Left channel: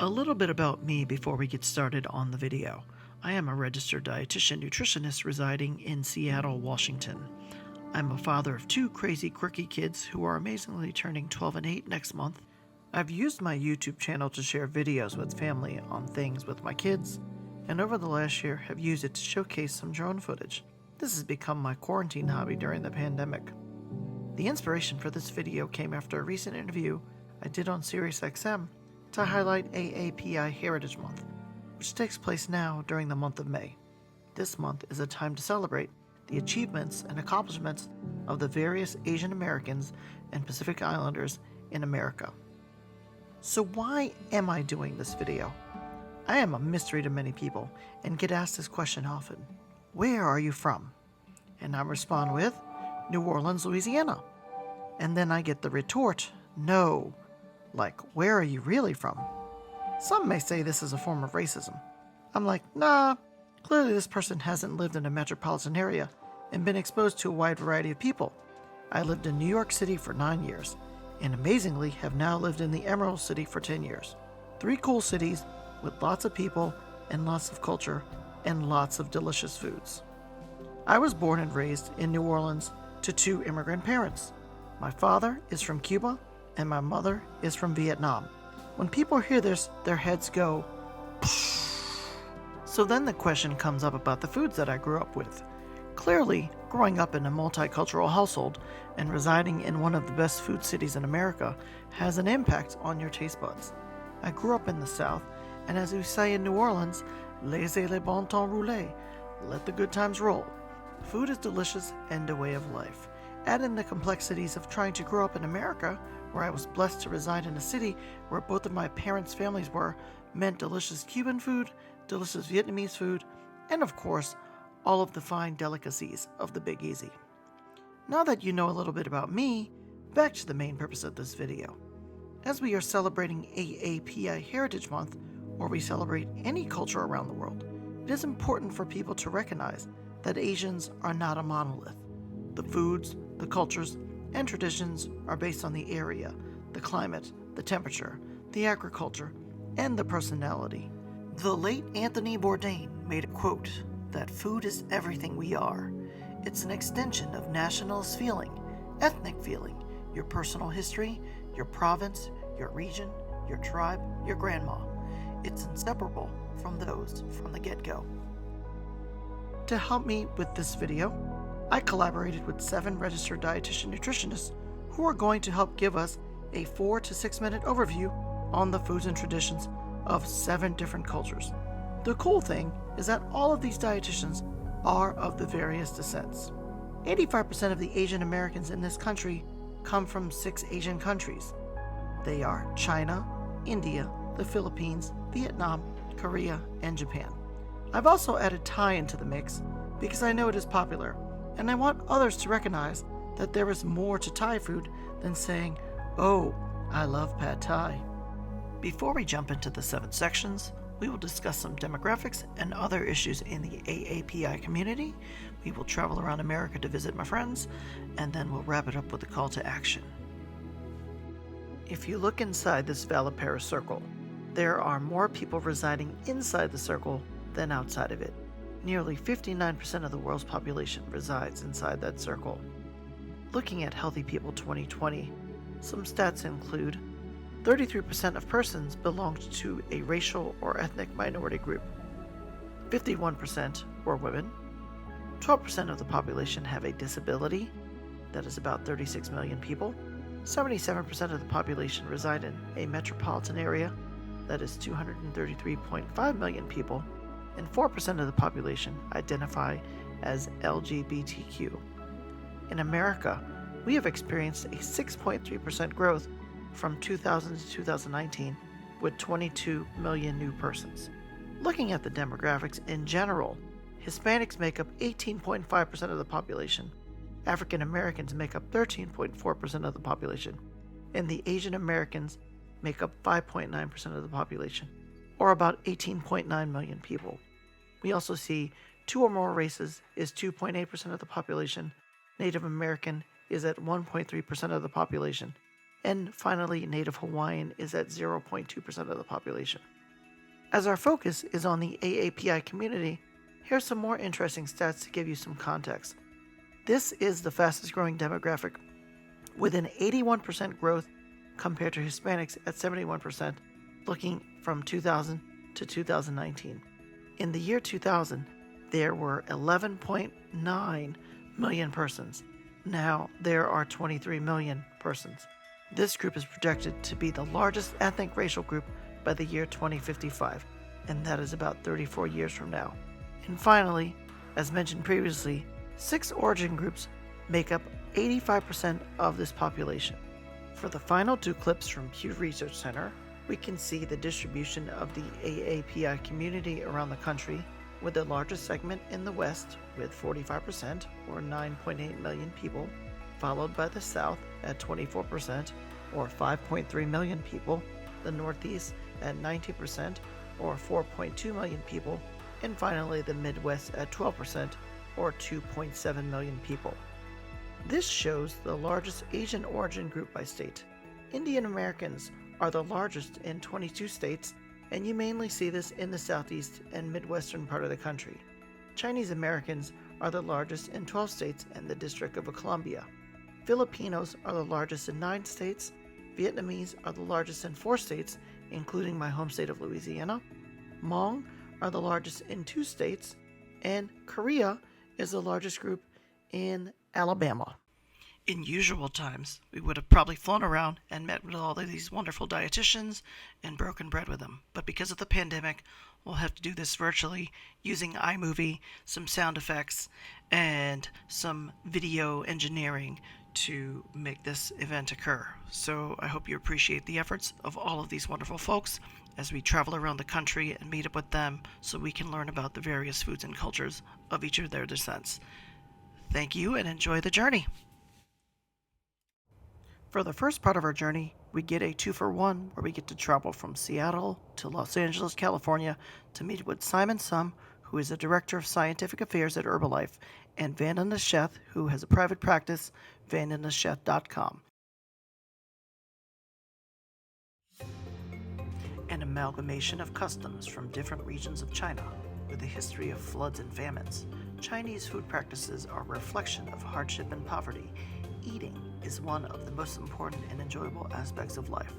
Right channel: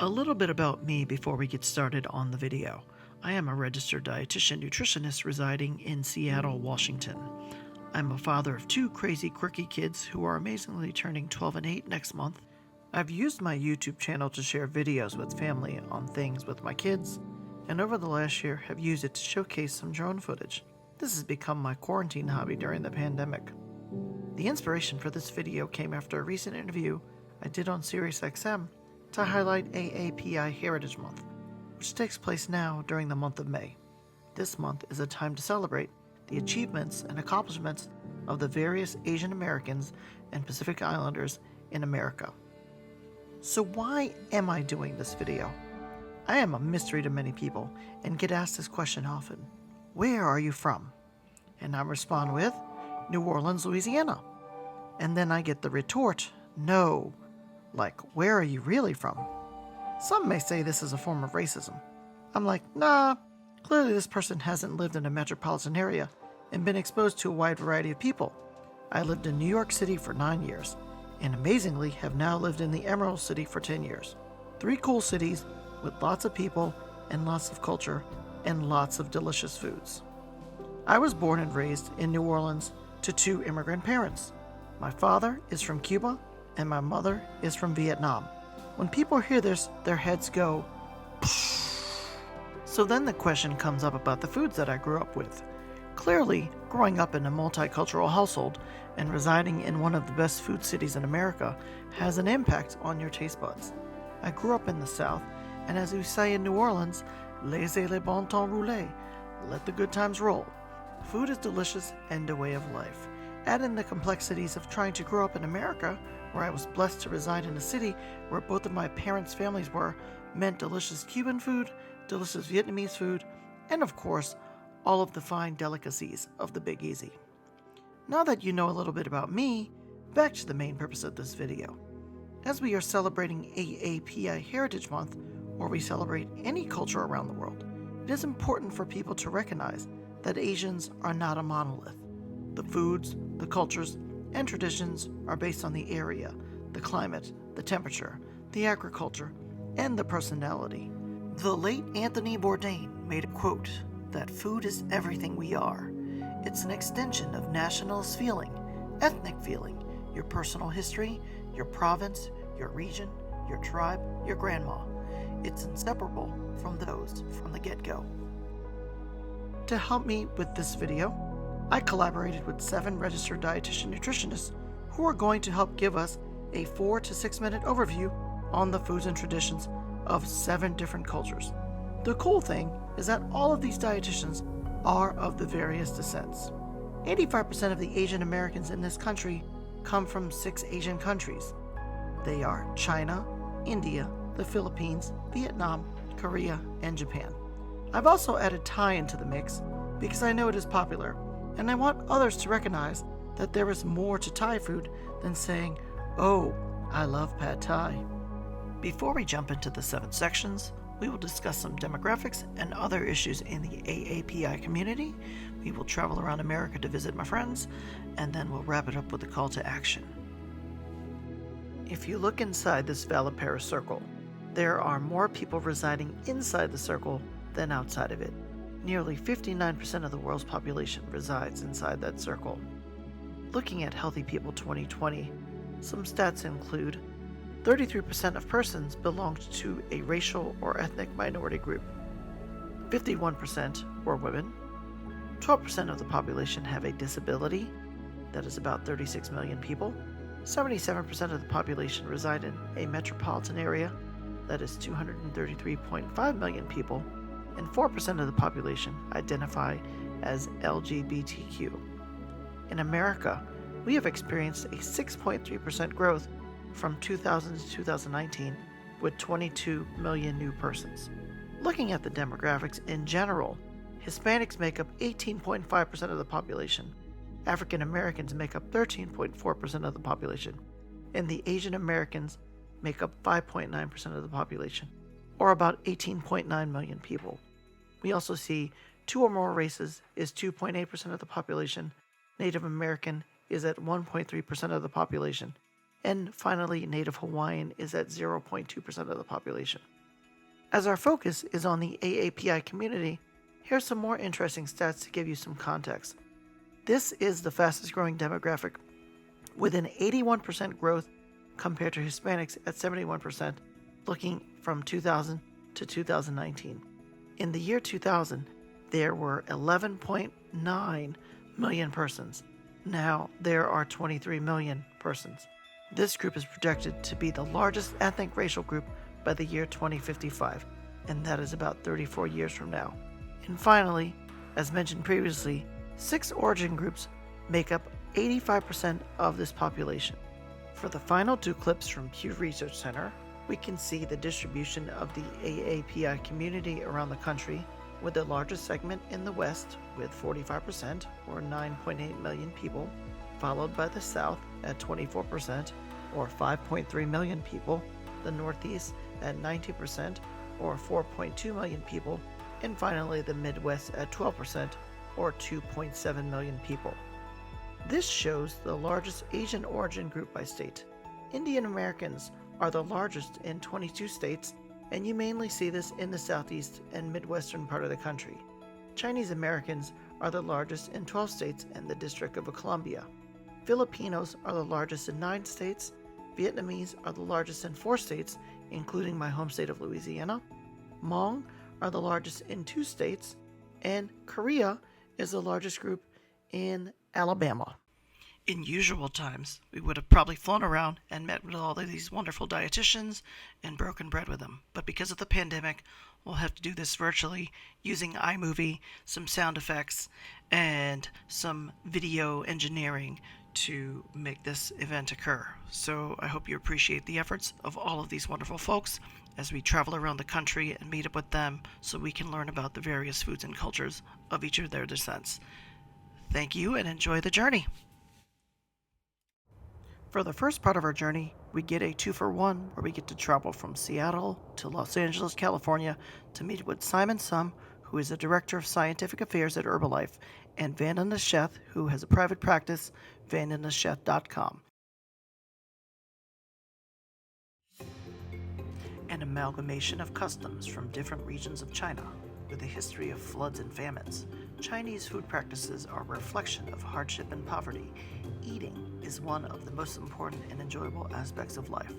A little bit about me before we get started on the video. I am a registered dietitian nutritionist residing in Seattle, Washington. I'm a father of two crazy, quirky kids who are amazingly turning 12 and 8 next month. I've used my YouTube channel to share videos with family on things with my kids, and over the last year have used it to showcase some drone footage. This has become my quarantine hobby during the pandemic. The inspiration for this video came after a recent interview I did on SiriusXM to highlight AAPI Heritage Month, which takes place now during the month of May. This month is a time to celebrate the achievements and accomplishments of the various Asian Americans and Pacific Islanders in America. So why am I doing this video? I am a mystery to many people and get asked this question often. Where are you from? And I respond with, New Orleans, Louisiana. And then I get the retort, no. Like, where are you really from? Some may say this is a form of racism. I'm like, nah, clearly this person hasn't lived in a metropolitan area and been exposed to a wide variety of people. I lived in New York City for 9 years, and amazingly have now lived in the Emerald City for 10 years. 3 cool cities with lots of people and lots of culture and lots of delicious foods. I was born and raised in New Orleans to 2 immigrant parents. My father is from Cuba, and my mother is from Vietnam. When people hear this, their heads go, psh. So then the question comes up about the foods that I grew up with. Clearly, growing up in a multicultural household and residing in one of the best food cities in America has an impact on your taste buds. I grew up in the South, and as we say in New Orleans, laissez le bon temps rouler, let the good times roll. Food is delicious and a way of life. Add in the complexities of trying to grow up in America, where I was blessed to reside in a city where both of my parents' families were, meant delicious Cuban food, delicious Vietnamese food, and of course, all of the fine delicacies of the Big Easy. Now that you know a little bit about me, back to the main purpose of this video. As we are celebrating AAPI Heritage Month, or we celebrate any culture around the world, it is important for people to recognize that Asians are not a monolith. The foods, the cultures, and traditions are based on the area, the climate, the temperature, the agriculture, and the personality. The late Anthony Bourdain made a quote that food is everything we are. It's an extension of nationalist feeling, ethnic feeling, your personal history, your province, your region, your tribe, your grandma. It's inseparable from those from the get-go. To help me with this video, I collaborated with 7 registered dietitian nutritionists who are going to help give us a 4 to 6 minute overview on the foods and traditions of 7 different cultures. The cool thing is that all of these dietitians are of the various descents. 85% of the Asian Americans in this country come from 6 Asian countries. They are China, India, the Philippines, Vietnam, Korea, and Japan. I've also added Thai into the mix because I know it is popular, and I want others to recognize that there is more to Thai food than saying, oh, I love pad Thai. Before we jump into the 7 sections, we will discuss some demographics and other issues in the AAPI community. We will travel around America to visit my friends, and then we'll wrap it up with a call to action. If you look inside this Valipera circle, there are more people residing inside the circle than outside of it. Nearly 59% of the world's population resides inside that circle. Looking at Healthy People 2020, some stats include 33% of persons belonged to a racial or ethnic minority group. 51% were women. 12% of the population have a disability, that is about 36 million people. 77% of the population reside in a metropolitan area, that is 233.5 million people, and 4% of the population identify as LGBTQ. In America, we have experienced a 6.3% growth from 2000 to 2019, with 22 million new persons. Looking at the demographics in general, Hispanics make up 18.5% of the population, African Americans make up 13.4% of the population, and the Asian Americans make up 5.9% of the population, or about 18.9 million people. We also see 2 or more races is 2.8% of the population, Native American is at 1.3% of the population, And finally, Native Hawaiian is at 0.2% of the population. As our focus is on the AAPI community, here's some more interesting stats to give you some context. This is the fastest growing demographic, with an 81% growth compared to Hispanics at 71%, looking from 2000 to 2019. In the year 2000, there were 11.9 million persons. Now there are 23 million persons. This group is projected to be the largest ethnic racial group by the year 2055, and that is about 34 years from now. And finally, as mentioned previously, 6 origin groups make up 85% of this population. For the final 2 clips from Pew Research Center, we can see the distribution of the AAPI community around the country, with the largest segment in the West with 45% or 9.8 million people, followed by the South at 24% or 5.3 million people, the Northeast at 90% or 4.2 million people, and finally the Midwest at 12% or 2.7 million people. This shows the largest Asian origin group by state. Indian Americans are the largest in 22 states, and you mainly see this in the southeast and midwestern part of the country. Chinese Americans are the largest in 12 states and the District of Columbia. Filipinos are the largest in 9 states. Vietnamese are the largest in 4 states, including my home state of Louisiana. Hmong are the largest in 2 states, and Korea is the largest group in Alabama. In usual times, we would have probably flown around and met with all of these wonderful dietitians and broken bread with them. But because of the pandemic, we'll have to do this virtually using iMovie, some sound effects, and some video engineering to make this event occur. So I hope you appreciate the efforts of all of these wonderful folks as we travel around the country and meet up with them so we can learn about the various foods and cultures of each of their descents. Thank you and enjoy the journey. For the first part of our journey, we get a 2-for-1 where we get to travel from Seattle to Los Angeles, California to meet with Simon Sum, who is the Director of Scientific Affairs at Herbalife, and Vandana Sheth, who has a private practice, vandanasheth.com. An amalgamation of customs from different regions of China, with a history of floods and famines. Chinese food practices are a reflection of hardship and poverty. Eating is one of the most important and enjoyable aspects of life.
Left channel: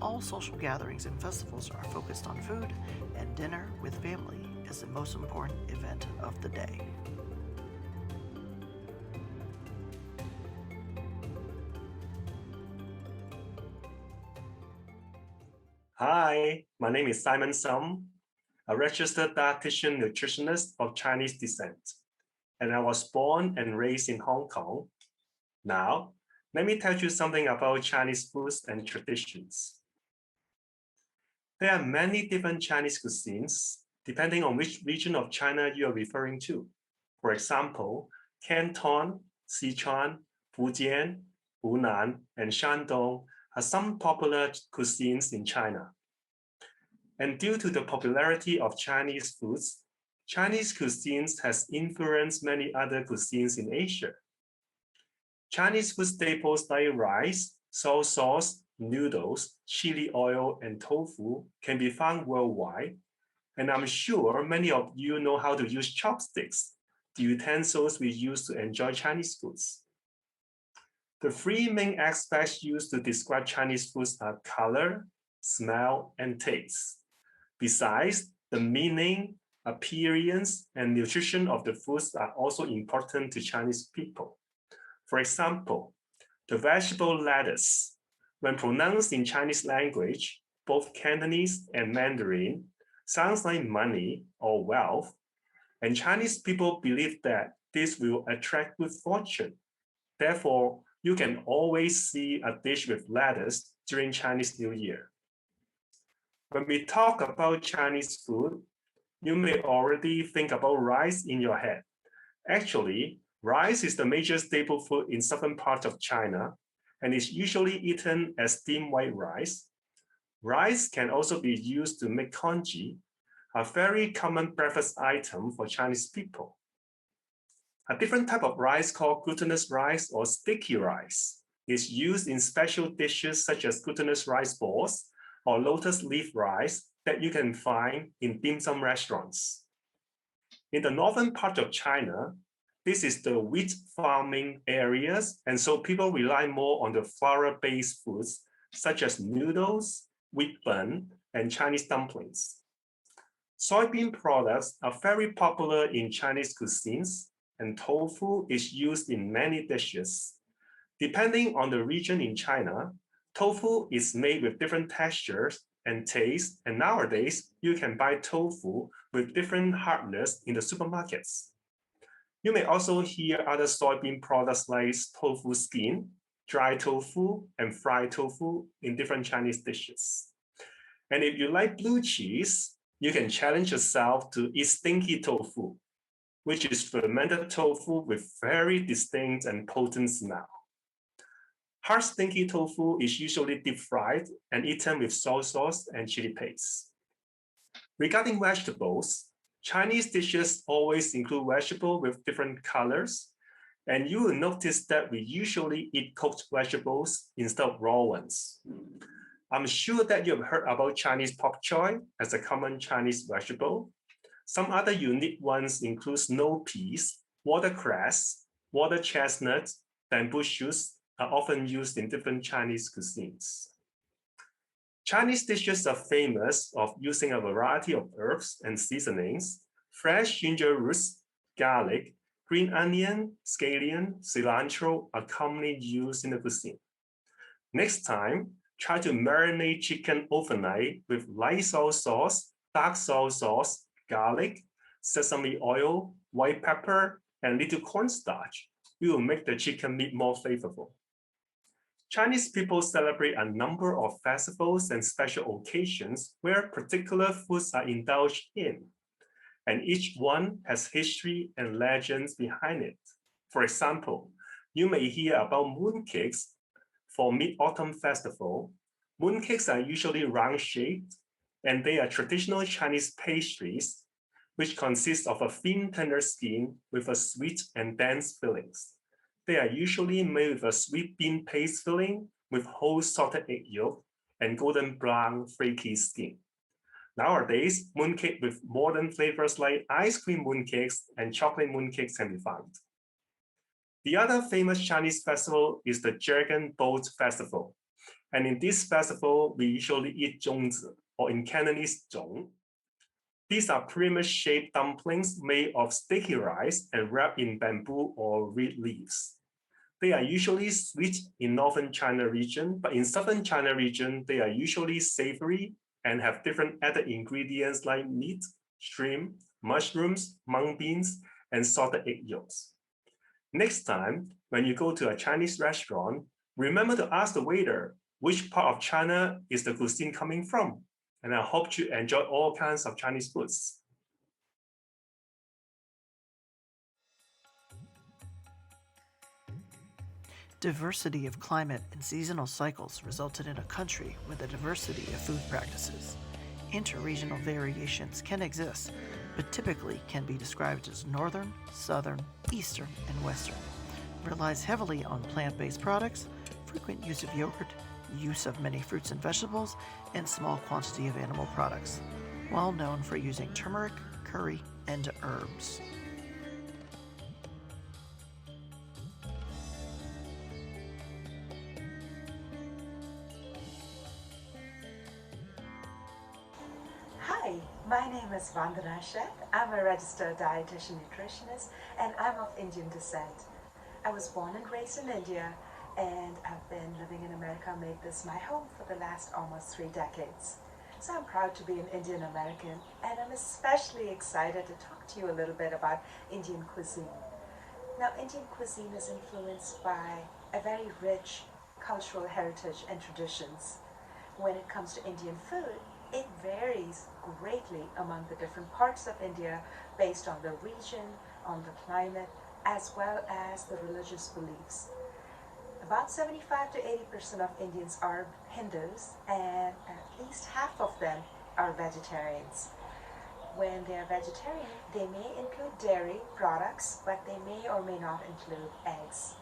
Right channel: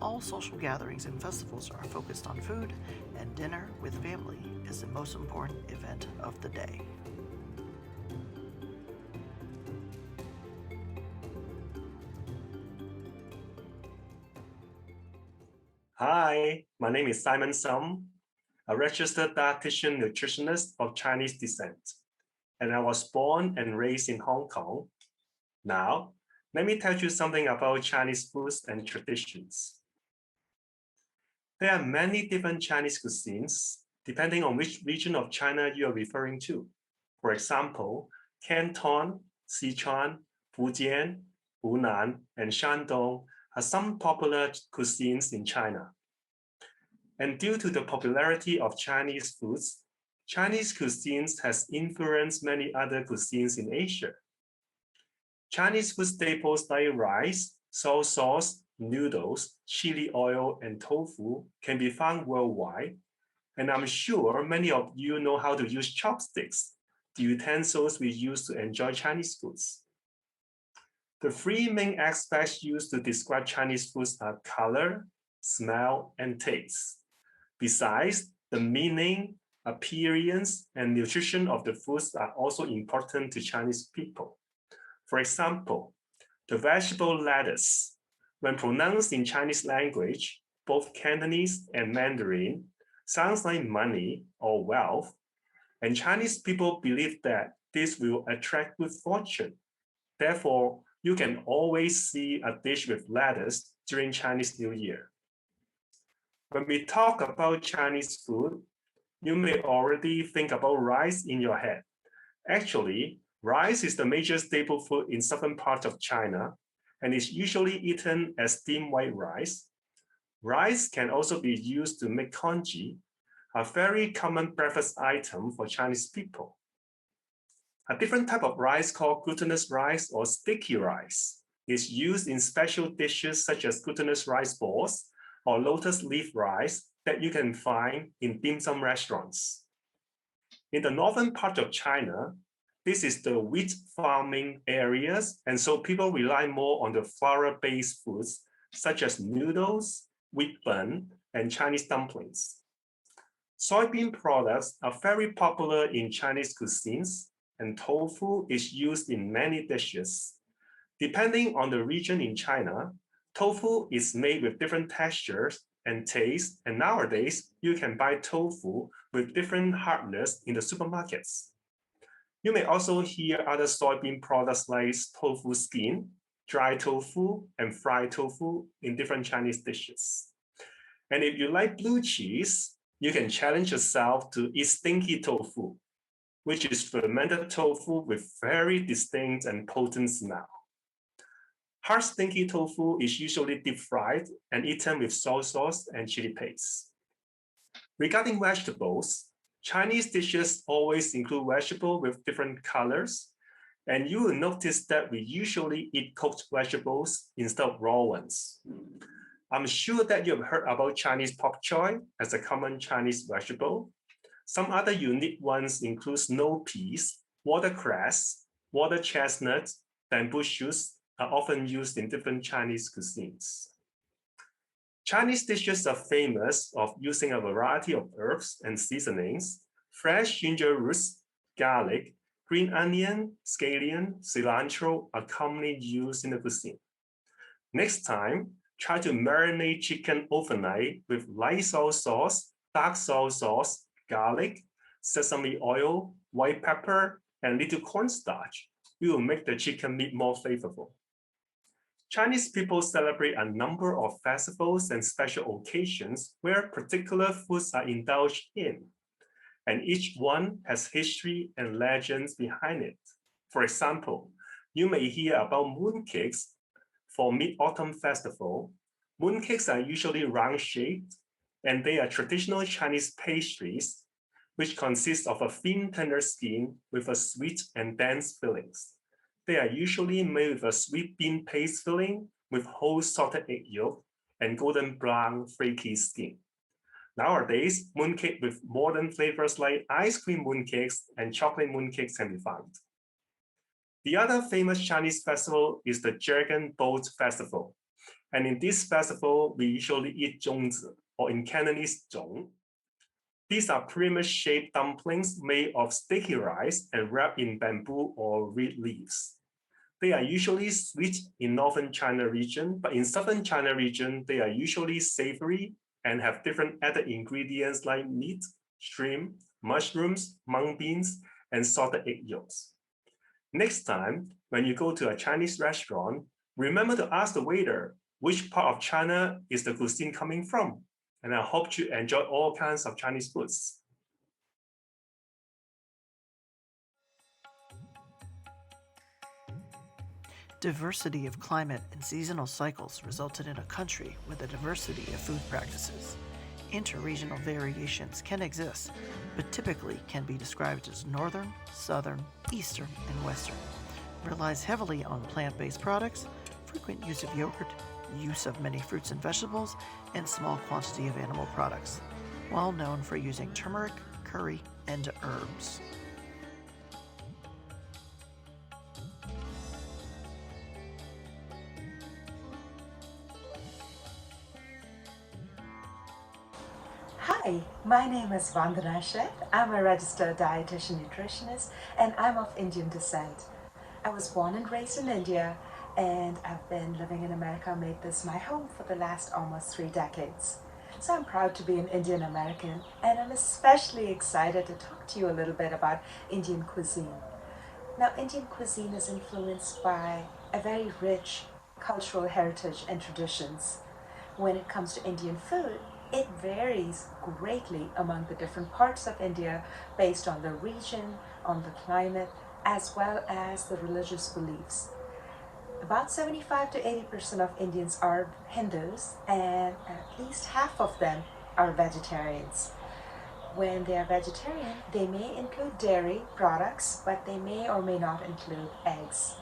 All social gatherings and festivals are focused on food, and dinner with family is the most important event of the day. Hi, my name is Simon Sum, a registered dietitian nutritionist of Chinese descent, and I was born and raised in Hong Kong. Now, let me tell you something about Chinese foods and traditions. There are many different Chinese cuisines, depending on which region of China you are referring to. For example, Canton, Sichuan, Fujian, Hunan, and Shandong are some popular cuisines in China. And due to the popularity of Chinese foods, Chinese cuisines has influenced many other cuisines in Asia. Chinese food staples like rice, soy sauce, noodles, chili oil, and tofu can be found worldwide. And I'm sure many of you know how to use chopsticks, the utensils we use to enjoy Chinese foods. The 3 main aspects used to describe Chinese foods are color, smell, and taste. Besides, the meaning, appearance, and nutrition of the foods are also important to Chinese people. For example, the vegetable lettuce, when pronounced in Chinese language, both Cantonese and Mandarin, sounds like money or wealth, and Chinese people believe that this will attract good fortune. Therefore, you can always see a dish with lettuce during Chinese New Year. When we talk about Chinese food, you may already think about rice in your head. Actually, rice is the major staple food in southern parts of China and is usually eaten as steamed white rice. Rice can also be used to make congee, a very common breakfast item for Chinese people. A different type of rice called glutinous rice or sticky rice is used in special dishes such as glutinous rice balls or lotus leaf rice that you can find in dim sum restaurants. In the northern part of China, this is the wheat farming areas, and so people rely more on the flour-based foods such as noodles, wheat bun, and Chinese dumplings. Soybean products are very popular in Chinese cuisines, and tofu is used in many dishes. Depending on the region in China, tofu is made with different textures and tastes, and nowadays you can buy tofu with different hardness in the supermarkets. You may also hear other soybean products like tofu skin, dry tofu, and fried tofu in different Chinese dishes. And if you like blue cheese, you can challenge yourself to eat stinky tofu, which is fermented tofu with very distinct and potent smell. Hard stinky tofu is usually deep fried and eaten with soy sauce and chili paste. Regarding vegetables, Chinese dishes always include vegetables with different colors, and you will notice that we usually eat cooked vegetables instead of raw ones. I'm sure that you have heard about Chinese pak choy as a common Chinese vegetable. Some other unique ones include snow peas, watercress, water chestnut, bamboo shoots are often used in different Chinese cuisines. Chinese dishes are famous of using a variety of herbs and seasonings. Fresh ginger roots, garlic, green onion, scallion, cilantro are commonly used in the cuisine. Next time, try to marinate chicken overnight with light soy sauce, dark soy sauce, garlic, sesame oil, white pepper, and little cornstarch. It will make the chicken meat more flavorful. Chinese people celebrate a number of festivals and special occasions where particular foods are indulged in, and each one has history and legends behind it. For example, you may hear about mooncakes for Mid-Autumn Festival. Mooncakes are usually round-shaped, and they are traditional Chinese pastries, which consist of a thin, tender skin with a sweet and dense fillings. They are usually made with a sweet bean paste filling with whole salted egg yolk and golden brown flaky skin. Nowadays, mooncake with modern flavors like ice cream mooncakes and chocolate mooncakes can be found. The other famous Chinese festival is the Dragon Boat Festival. And in this festival, we usually eat zhongzi, or in Cantonese, zhong. These are pyramid-shaped dumplings made of sticky rice and wrapped in bamboo or reed leaves. They are usually sweet in northern China region, but in southern China region, they are usually savory and have different added ingredients like meat, shrimp, mushrooms, mung beans, and salted egg yolks. Next time, when you go to a Chinese restaurant, remember to ask the waiter, which part of China is the cuisine coming from? And I hope you enjoy all kinds of Chinese foods. Diversity of climate and seasonal cycles resulted in a country with a diversity of food practices. Interregional variations can exist, but typically can be described as northern, southern, eastern, and western. Relies heavily on plant-based products, frequent use of yogurt, use of many fruits and vegetables, and small quantity of animal products. Well known for using turmeric, curry, and herbs. Hi, my name is Vandana Sheth. I'm a registered dietitian nutritionist and I'm of Indian descent. I was born and raised in India and I've been living in America, made this my home for the last almost 3 decades. So I'm proud to be an Indian American and I'm especially excited to talk to you a little bit about Indian cuisine. Now, Indian cuisine is influenced by a very rich cultural heritage and traditions. When it comes to Indian food, it varies greatly among the different parts of India based on the region, on the climate, as well as the religious beliefs. About 75 to 80% of Indians are Hindus, and at least half of them are vegetarians. When they are vegetarian, they may include dairy products, but they may or may not include eggs.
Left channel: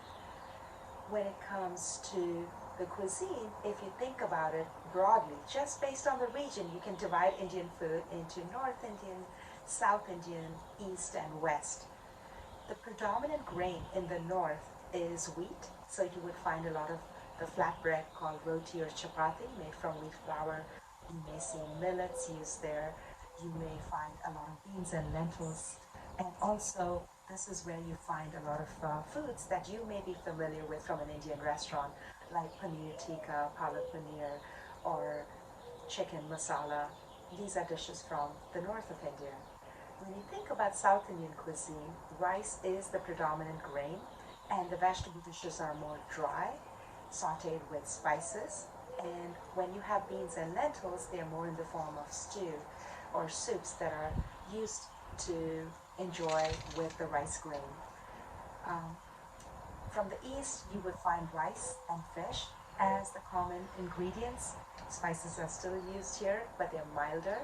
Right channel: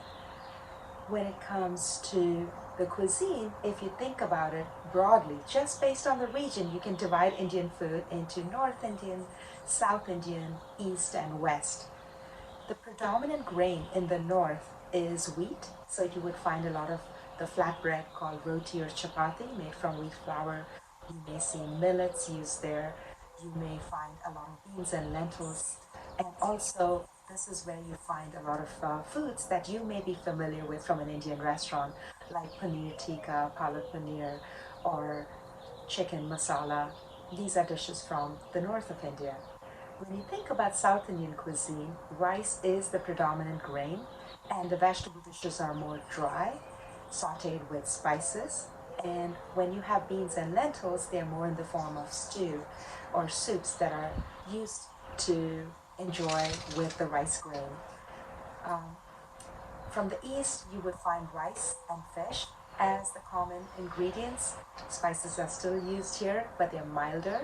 when it comes to the cuisine, if you think about it broadly, just based on the region, you can divide Indian food into North Indian, South Indian, East, and West. The predominant grain in the north is wheat, so you would find a lot of the flatbread called roti or chapati made from wheat flour. You may see millets used there. You may find a lot of beans and lentils. And also, this is where you find a lot of foods that you may be familiar with from an Indian restaurant, like paneer tikka, palak paneer, or chicken masala. These are dishes from the north of India. When you think about South Indian cuisine, rice is the predominant grain, and the vegetable dishes are more dry, sauteed with spices. And when you have beans and lentils, they're more in the form of stew or soups that are used to enjoy with the rice grain. From the east, you would find rice and fish as the common ingredients. Spices are still used here, but they're milder.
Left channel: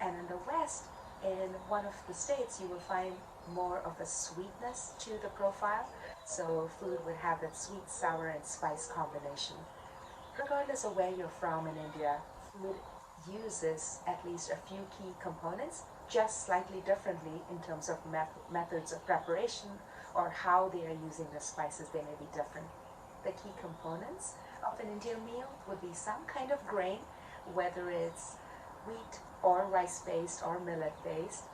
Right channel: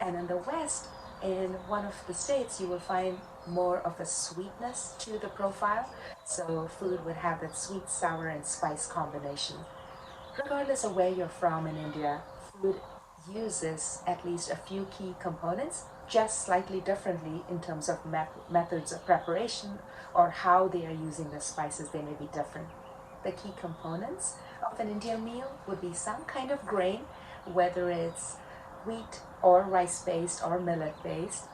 And in the west, in one of the states, you will find more of a sweetness to the profile. So food would have that sweet, sour, and spice combination. Regardless of where you're from in India, food uses at least a few key components, just slightly differently in terms of methods of preparation or how they are using the spices, they may be different. The key components of an Indian meal would be some kind of grain, whether it's wheat or rice based or millet based.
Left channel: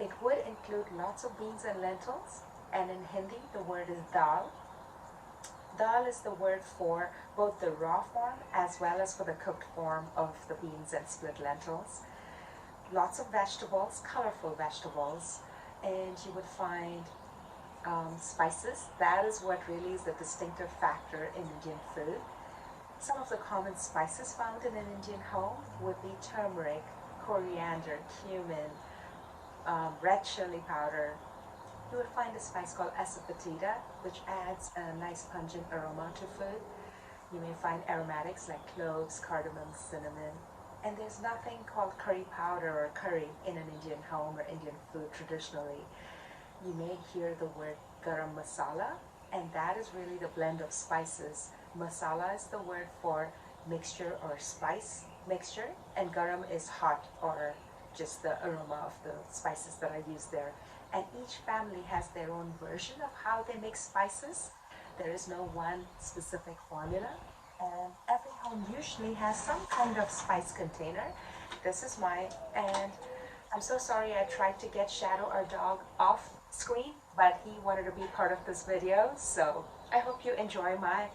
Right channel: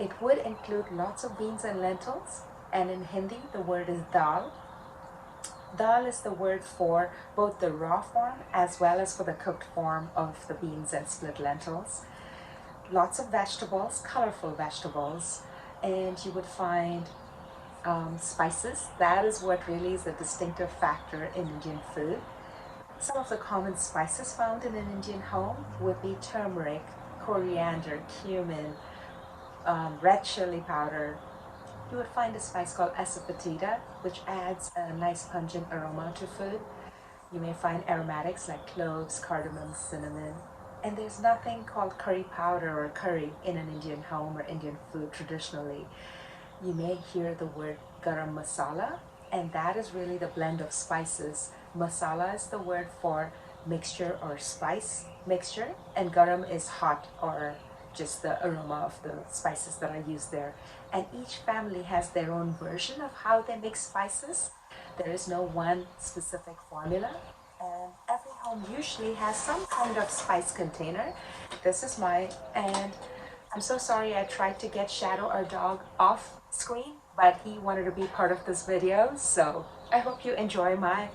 It would include lots of beans and lentils, and in Hindi, the word is dal. Dal is the word for both the raw form as well as for the cooked form of the beans and split lentils. Lots of vegetables, colorful vegetables, and you would find spices. That is what really is the distinctive factor in Indian food. Some of the common spices found in an Indian home would be turmeric, coriander, cumin, red chili powder. You would find a spice called asafoetida, which adds a nice pungent aroma to food. You may find aromatics like cloves, cardamom, cinnamon. And there's nothing called curry powder or curry in an Indian home or Indian food traditionally. You may hear the word garam masala, and that is really the blend of spices. Masala is the word for mixture or spice mixture, and garam is hot or just the aroma of the spices that are used there. And each family has their own version of how they mix spices. There is no one specific formula, and every home usually has some kind of spice container. This is mine, and I'm so sorry I tried to get Shadow, our dog, off screen, but he wanted to be part of this video, so I hope you enjoy my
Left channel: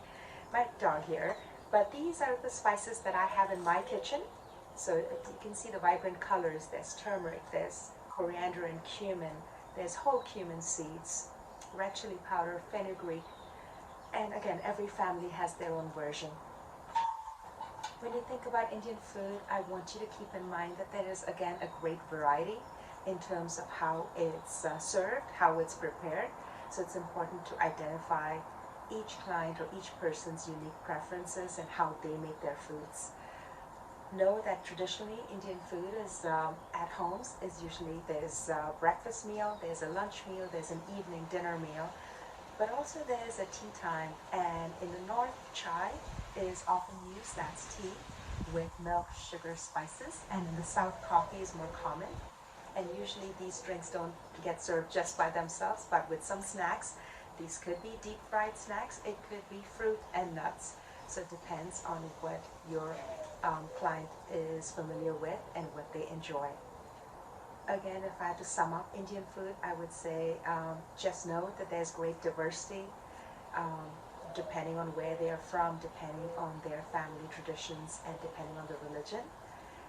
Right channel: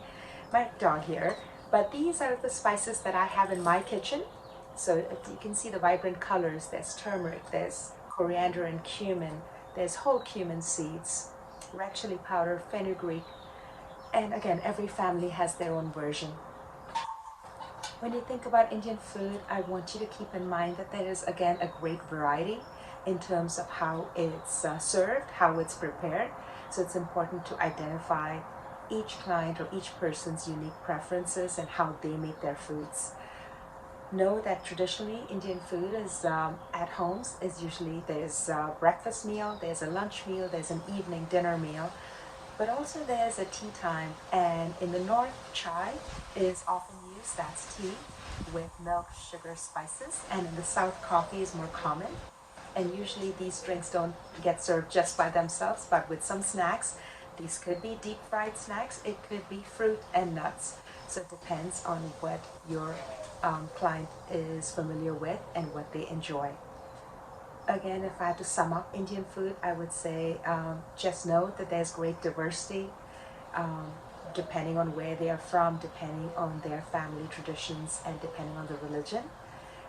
dog here. But these are the spices that I have in my kitchen. So if you can see the vibrant colors, there's turmeric, there's coriander and cumin, there's whole cumin seeds, red chili powder, fenugreek, and again, every family has their own version. When you think about Indian food, I want you to keep in mind that there is again a great variety in terms of how it's served, how it's prepared. So it's important to identify each client or each person's unique preferences and how they make their foods. Know that traditionally Indian food is at homes is usually there's a breakfast meal, there's a lunch meal, there's an evening dinner meal, but also there's a tea time. And in the north, chai is often used, that's tea with milk, sugar, spices, and in the south, coffee is more common. And usually these drinks don't get served just by themselves, but with some snacks. These could be deep fried snacks, it could be fruit and nuts. So it depends on what your client is familiar with and what they enjoy. Again, if I had to sum up Indian food, I would say just know that there's great diversity depending on where they are from, depending on their family traditions, and depending on the religion.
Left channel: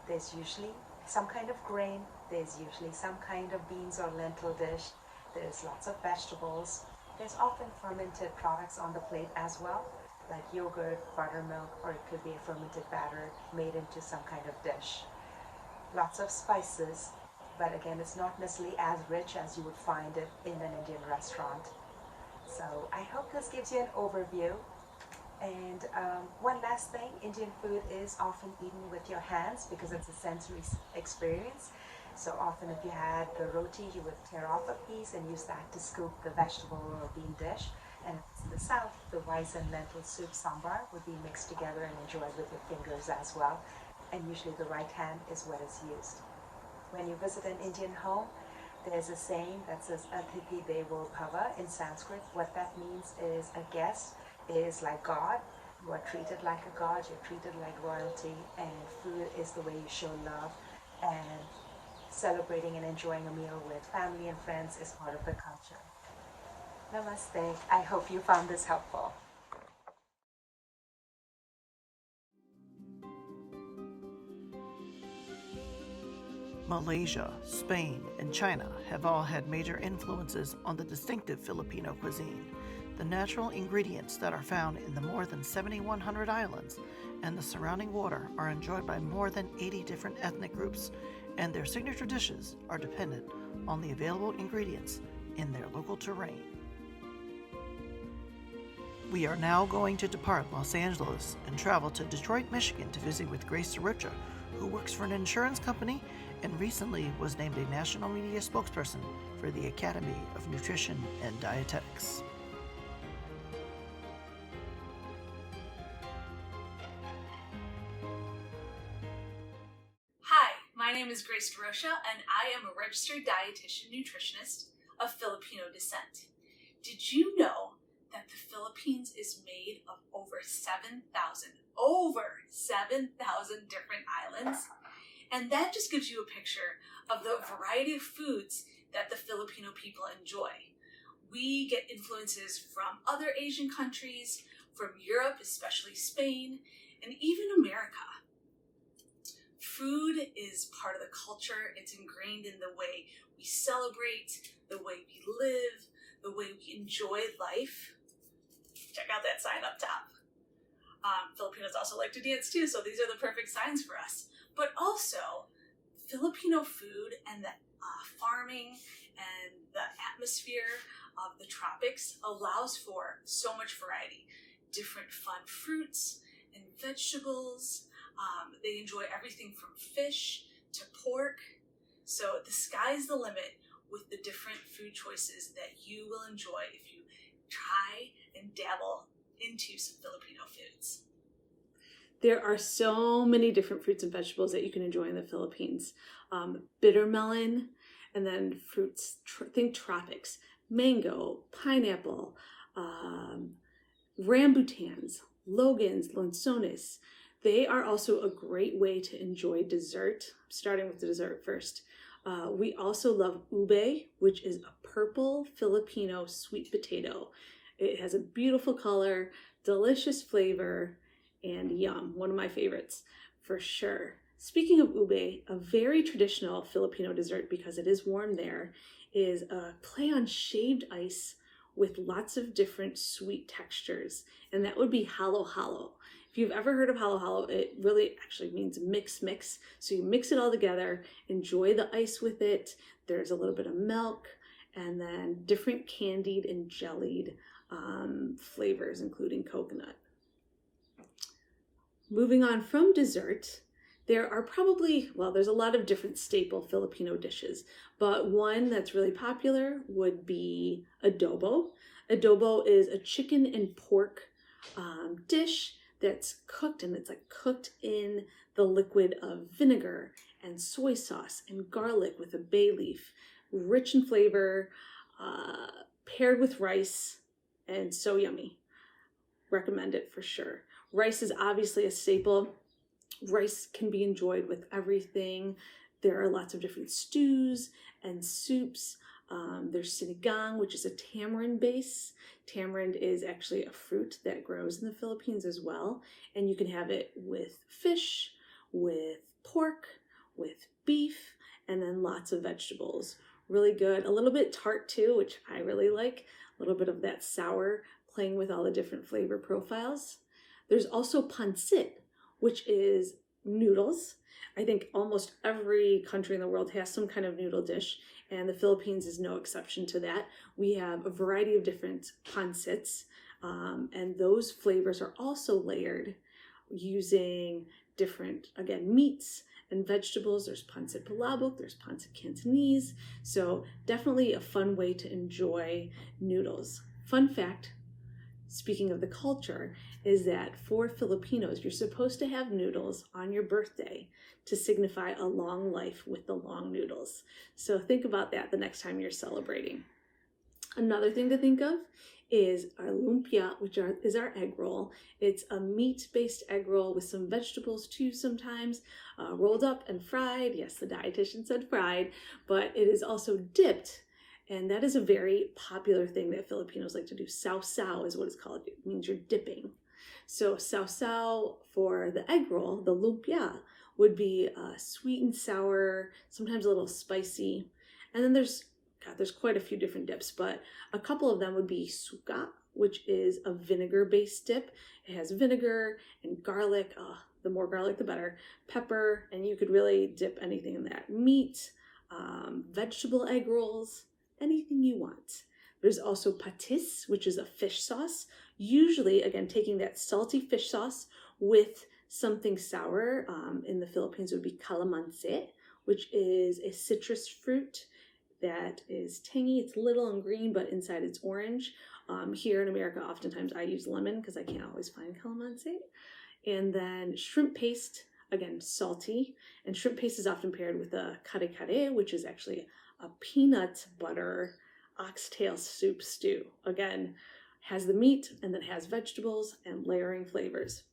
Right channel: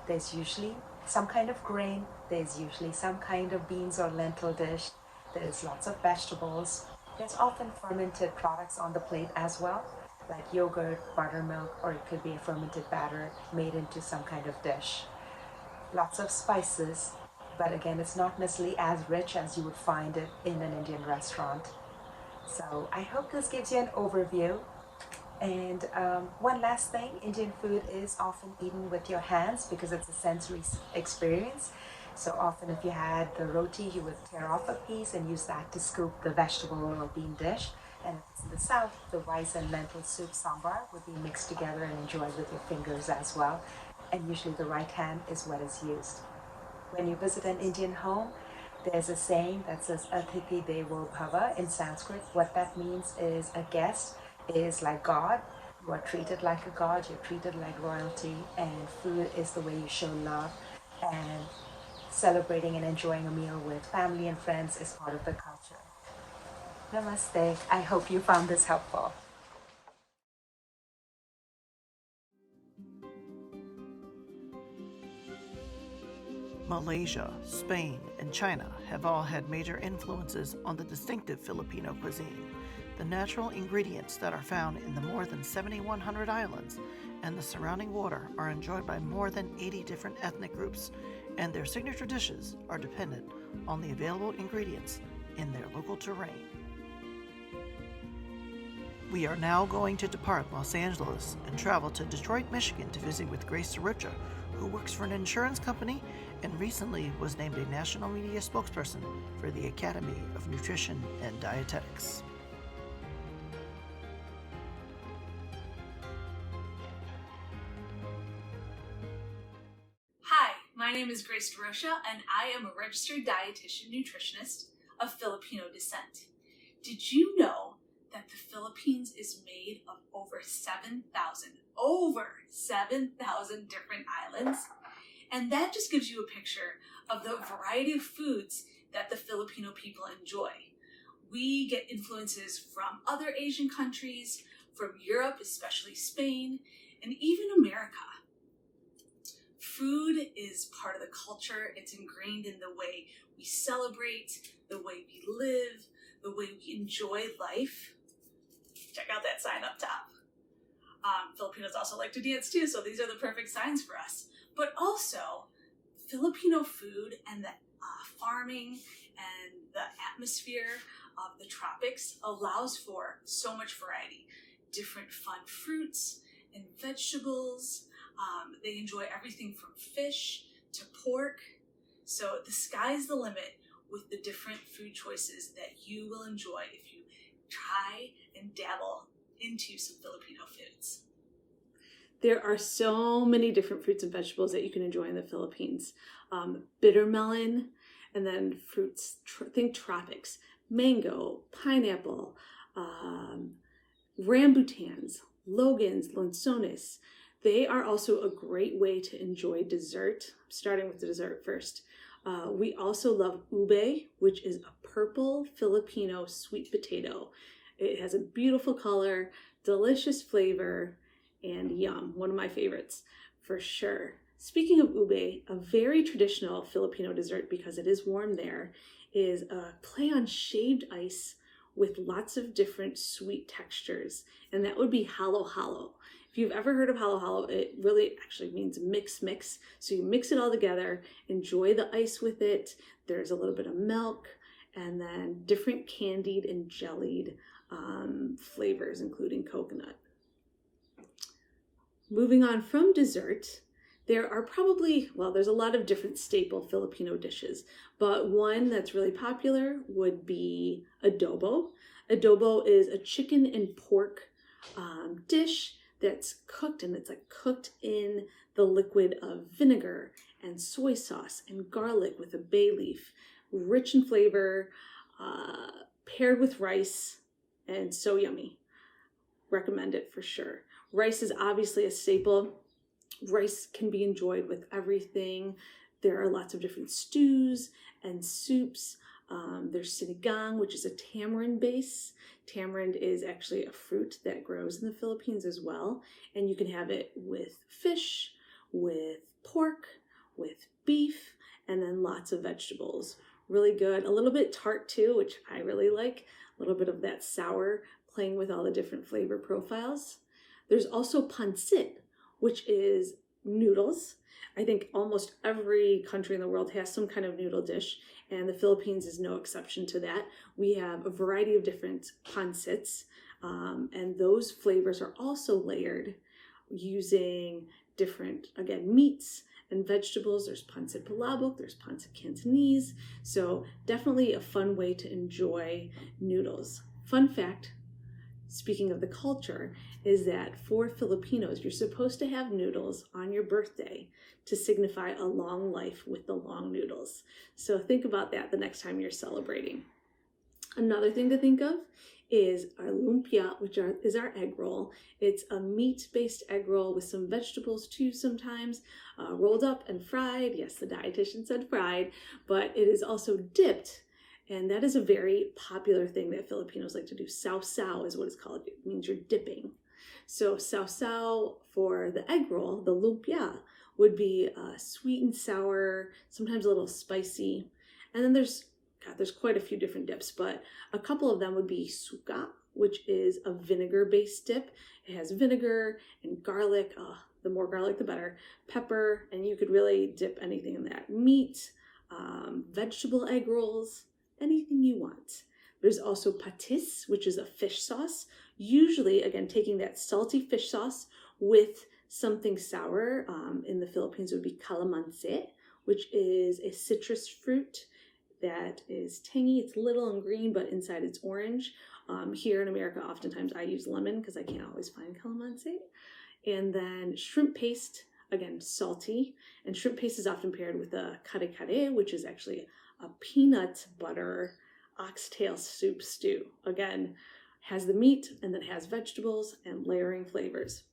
There's usually some kind of grain, there's usually some kind of beans or lentil dish, there's lots of vegetables, there's often fermented products on the plate as well, like yogurt, buttermilk, or it could be a fermented batter made into some kind of dish. Lots of spices, but again, it's not necessarily as rich as you would find it in an Indian restaurant. So I hope this gives you an overview. And one last thing, Indian food is often eaten with your hands because it's a sensory experience. So often if you had the roti, you would tear off a piece and use that to scoop the vegetable or bean dish. And if it's in the south, the rice and lentil soup sambar would be mixed together and enjoyed with your fingers as well. And usually the right hand is what is used. When you visit an Indian home, there's a saying that says Atithi Devo Bhava in Sanskrit. What that means is a guest is like God. You are treated like a god, you're treated like royalty, and food is the way you show love. And celebrating and enjoying a meal with family and friends is part of the culture. Namaste. I hope you found this helpful. Malaysia, Spain, and China have all had major influences on the distinctive Filipino cuisine. The natural ingredients that are found in the more than 7,100 islands and the surrounding water are enjoyed by more than 80 different ethnic groups, and their signature dishes are dependent on the available ingredients in their local terrain. We are now going to depart Los Angeles and travel to Detroit, Michigan to visit with Grace Derocha, who works for an insurance company and recently was named a national media spokesperson for the Academy of Nutrition and Dietetics. Hi, my name is Grace Derocha, and I am a registered dietitian nutritionist of Filipino descent. Did you know that the Philippines is made of over 7,000 different islands? And that just gives you a picture of the variety of foods that the Filipino people enjoy. We get influences from other Asian countries, from Europe, especially Spain, and even America. Food is part of the culture. It's ingrained in the way we celebrate, the way we live, the way we enjoy life. Check out that sign up top. Filipinos also like to dance too, so these are the perfect signs for us. But also, Filipino food and the farming and the atmosphere of the tropics allows for so much variety. Different fun fruits and vegetables. They enjoy everything from fish to pork. So the sky's the limit with the different food choices that you will enjoy if you try and dabble into some Filipino foods. There are so many different fruits and vegetables that you can enjoy in the Philippines. Bitter melon, and then fruits, think tropics, mango, pineapple, rambutans, logans, lanzones. They are also a great way to enjoy dessert, starting with the dessert first. We also love ube, which is a purple Filipino sweet potato. It has a beautiful color, delicious flavor, and yum, one of my favorites for sure. Speaking of ube, a very traditional Filipino dessert, because it is warm there, is a play on shaved ice with lots of different sweet textures, and that would be halo-halo. If you've ever heard of halo-halo, it really actually means mix. So you mix it all together, enjoy the ice with it. There's a little bit of milk, and then different candied and jellied flavors, including coconut. Moving on from dessert, there are there's a lot of different staple Filipino dishes, but one that's really popular would be adobo. Adobo is a chicken and pork dish that's cooked, and it's like cooked in the liquid of vinegar and soy sauce and garlic with a bay leaf, rich in flavor, paired with rice, and so yummy. Recommend it for sure. Rice is obviously a staple. Rice can be enjoyed with everything. There are lots of different stews and soups. There's sinigang, which is a tamarind base. Tamarind is actually a fruit that grows in the Philippines as well. And you can have it with fish, with pork, with beef, and then lots of vegetables. Really good. A little bit tart too, which I really like. A little bit of that sour playing with all the different flavor profiles. There's also pancit, which is noodles. I think almost every country in the world has some kind of noodle dish, and the Philippines is no exception to that. We have a variety of different pancits, and those flavors are also layered using different, again, meats and vegetables. There's pancit palabok, there's pancit Cantonese, so definitely a fun way to enjoy noodles. Fun fact, speaking of the culture, is that for Filipinos, you're supposed to have noodles on your birthday to signify a long life with the long noodles. So think about that the next time you're celebrating. Another thing to think of is our lumpia, which is our egg roll. It's a meat-based egg roll with some vegetables too sometimes, rolled up and fried. Yes, the dietitian said fried, but it is also dipped. And that is a very popular thing that Filipinos like to do. Sausaw is what it's called. It means you're dipping. So sausaw for the egg roll, the lumpia, would be sweet and sour, sometimes a little spicy. And then there's quite a few different dips, but a couple of them would be suka, which is a vinegar-based dip. It has vinegar and garlic. The more garlic, the better. Pepper, and you could really dip anything in that. Meat, vegetable egg rolls, anything you want. There's also patis, which is a fish sauce. Usually, again, taking that salty fish sauce with something sour. In the Philippines, it would be calamansi, which is a citrus fruit that is tangy. It's little and green, but inside it's orange. Here in America, oftentimes I use lemon because I can't always find calamansi. And then shrimp paste, again, salty. And shrimp paste is often paired with a kare kare, which is actually a peanut butter oxtail soup stew. Again, has the meat and then has vegetables and layering flavors.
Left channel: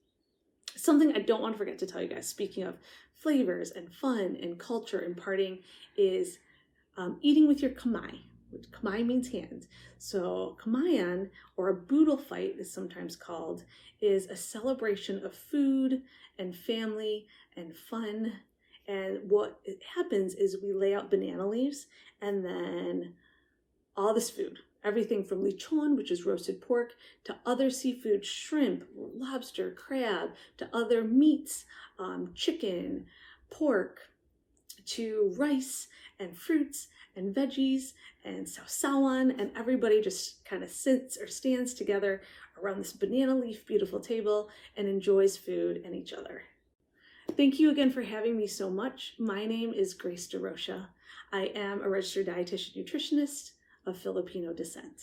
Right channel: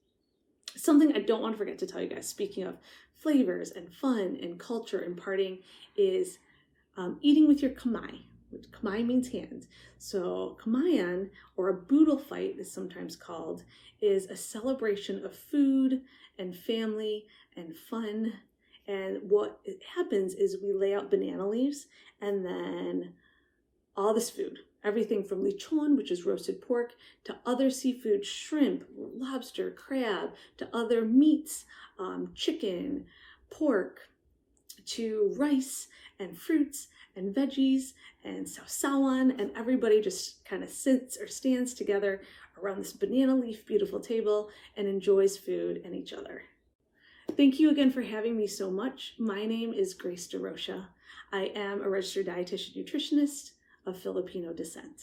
Something I don't want to forget to tell you guys, speaking of flavors and fun and culture and partying, is eating with your kamay, which kamay means hand. So kamayan, or a boodle fight is sometimes called, is a celebration of food and family and fun. And what happens is we lay out banana leaves and then all this food, everything from lechon, which is roasted pork, to other seafood, shrimp, lobster, crab, to other meats, chicken, pork, to rice and fruits and veggies and sausawan, and everybody just kind of sits or stands together around this banana leaf beautiful table and enjoys food and each other. Thank you again for having me so much. My name is Grace Derocha. I am a registered dietitian nutritionist of Filipino descent.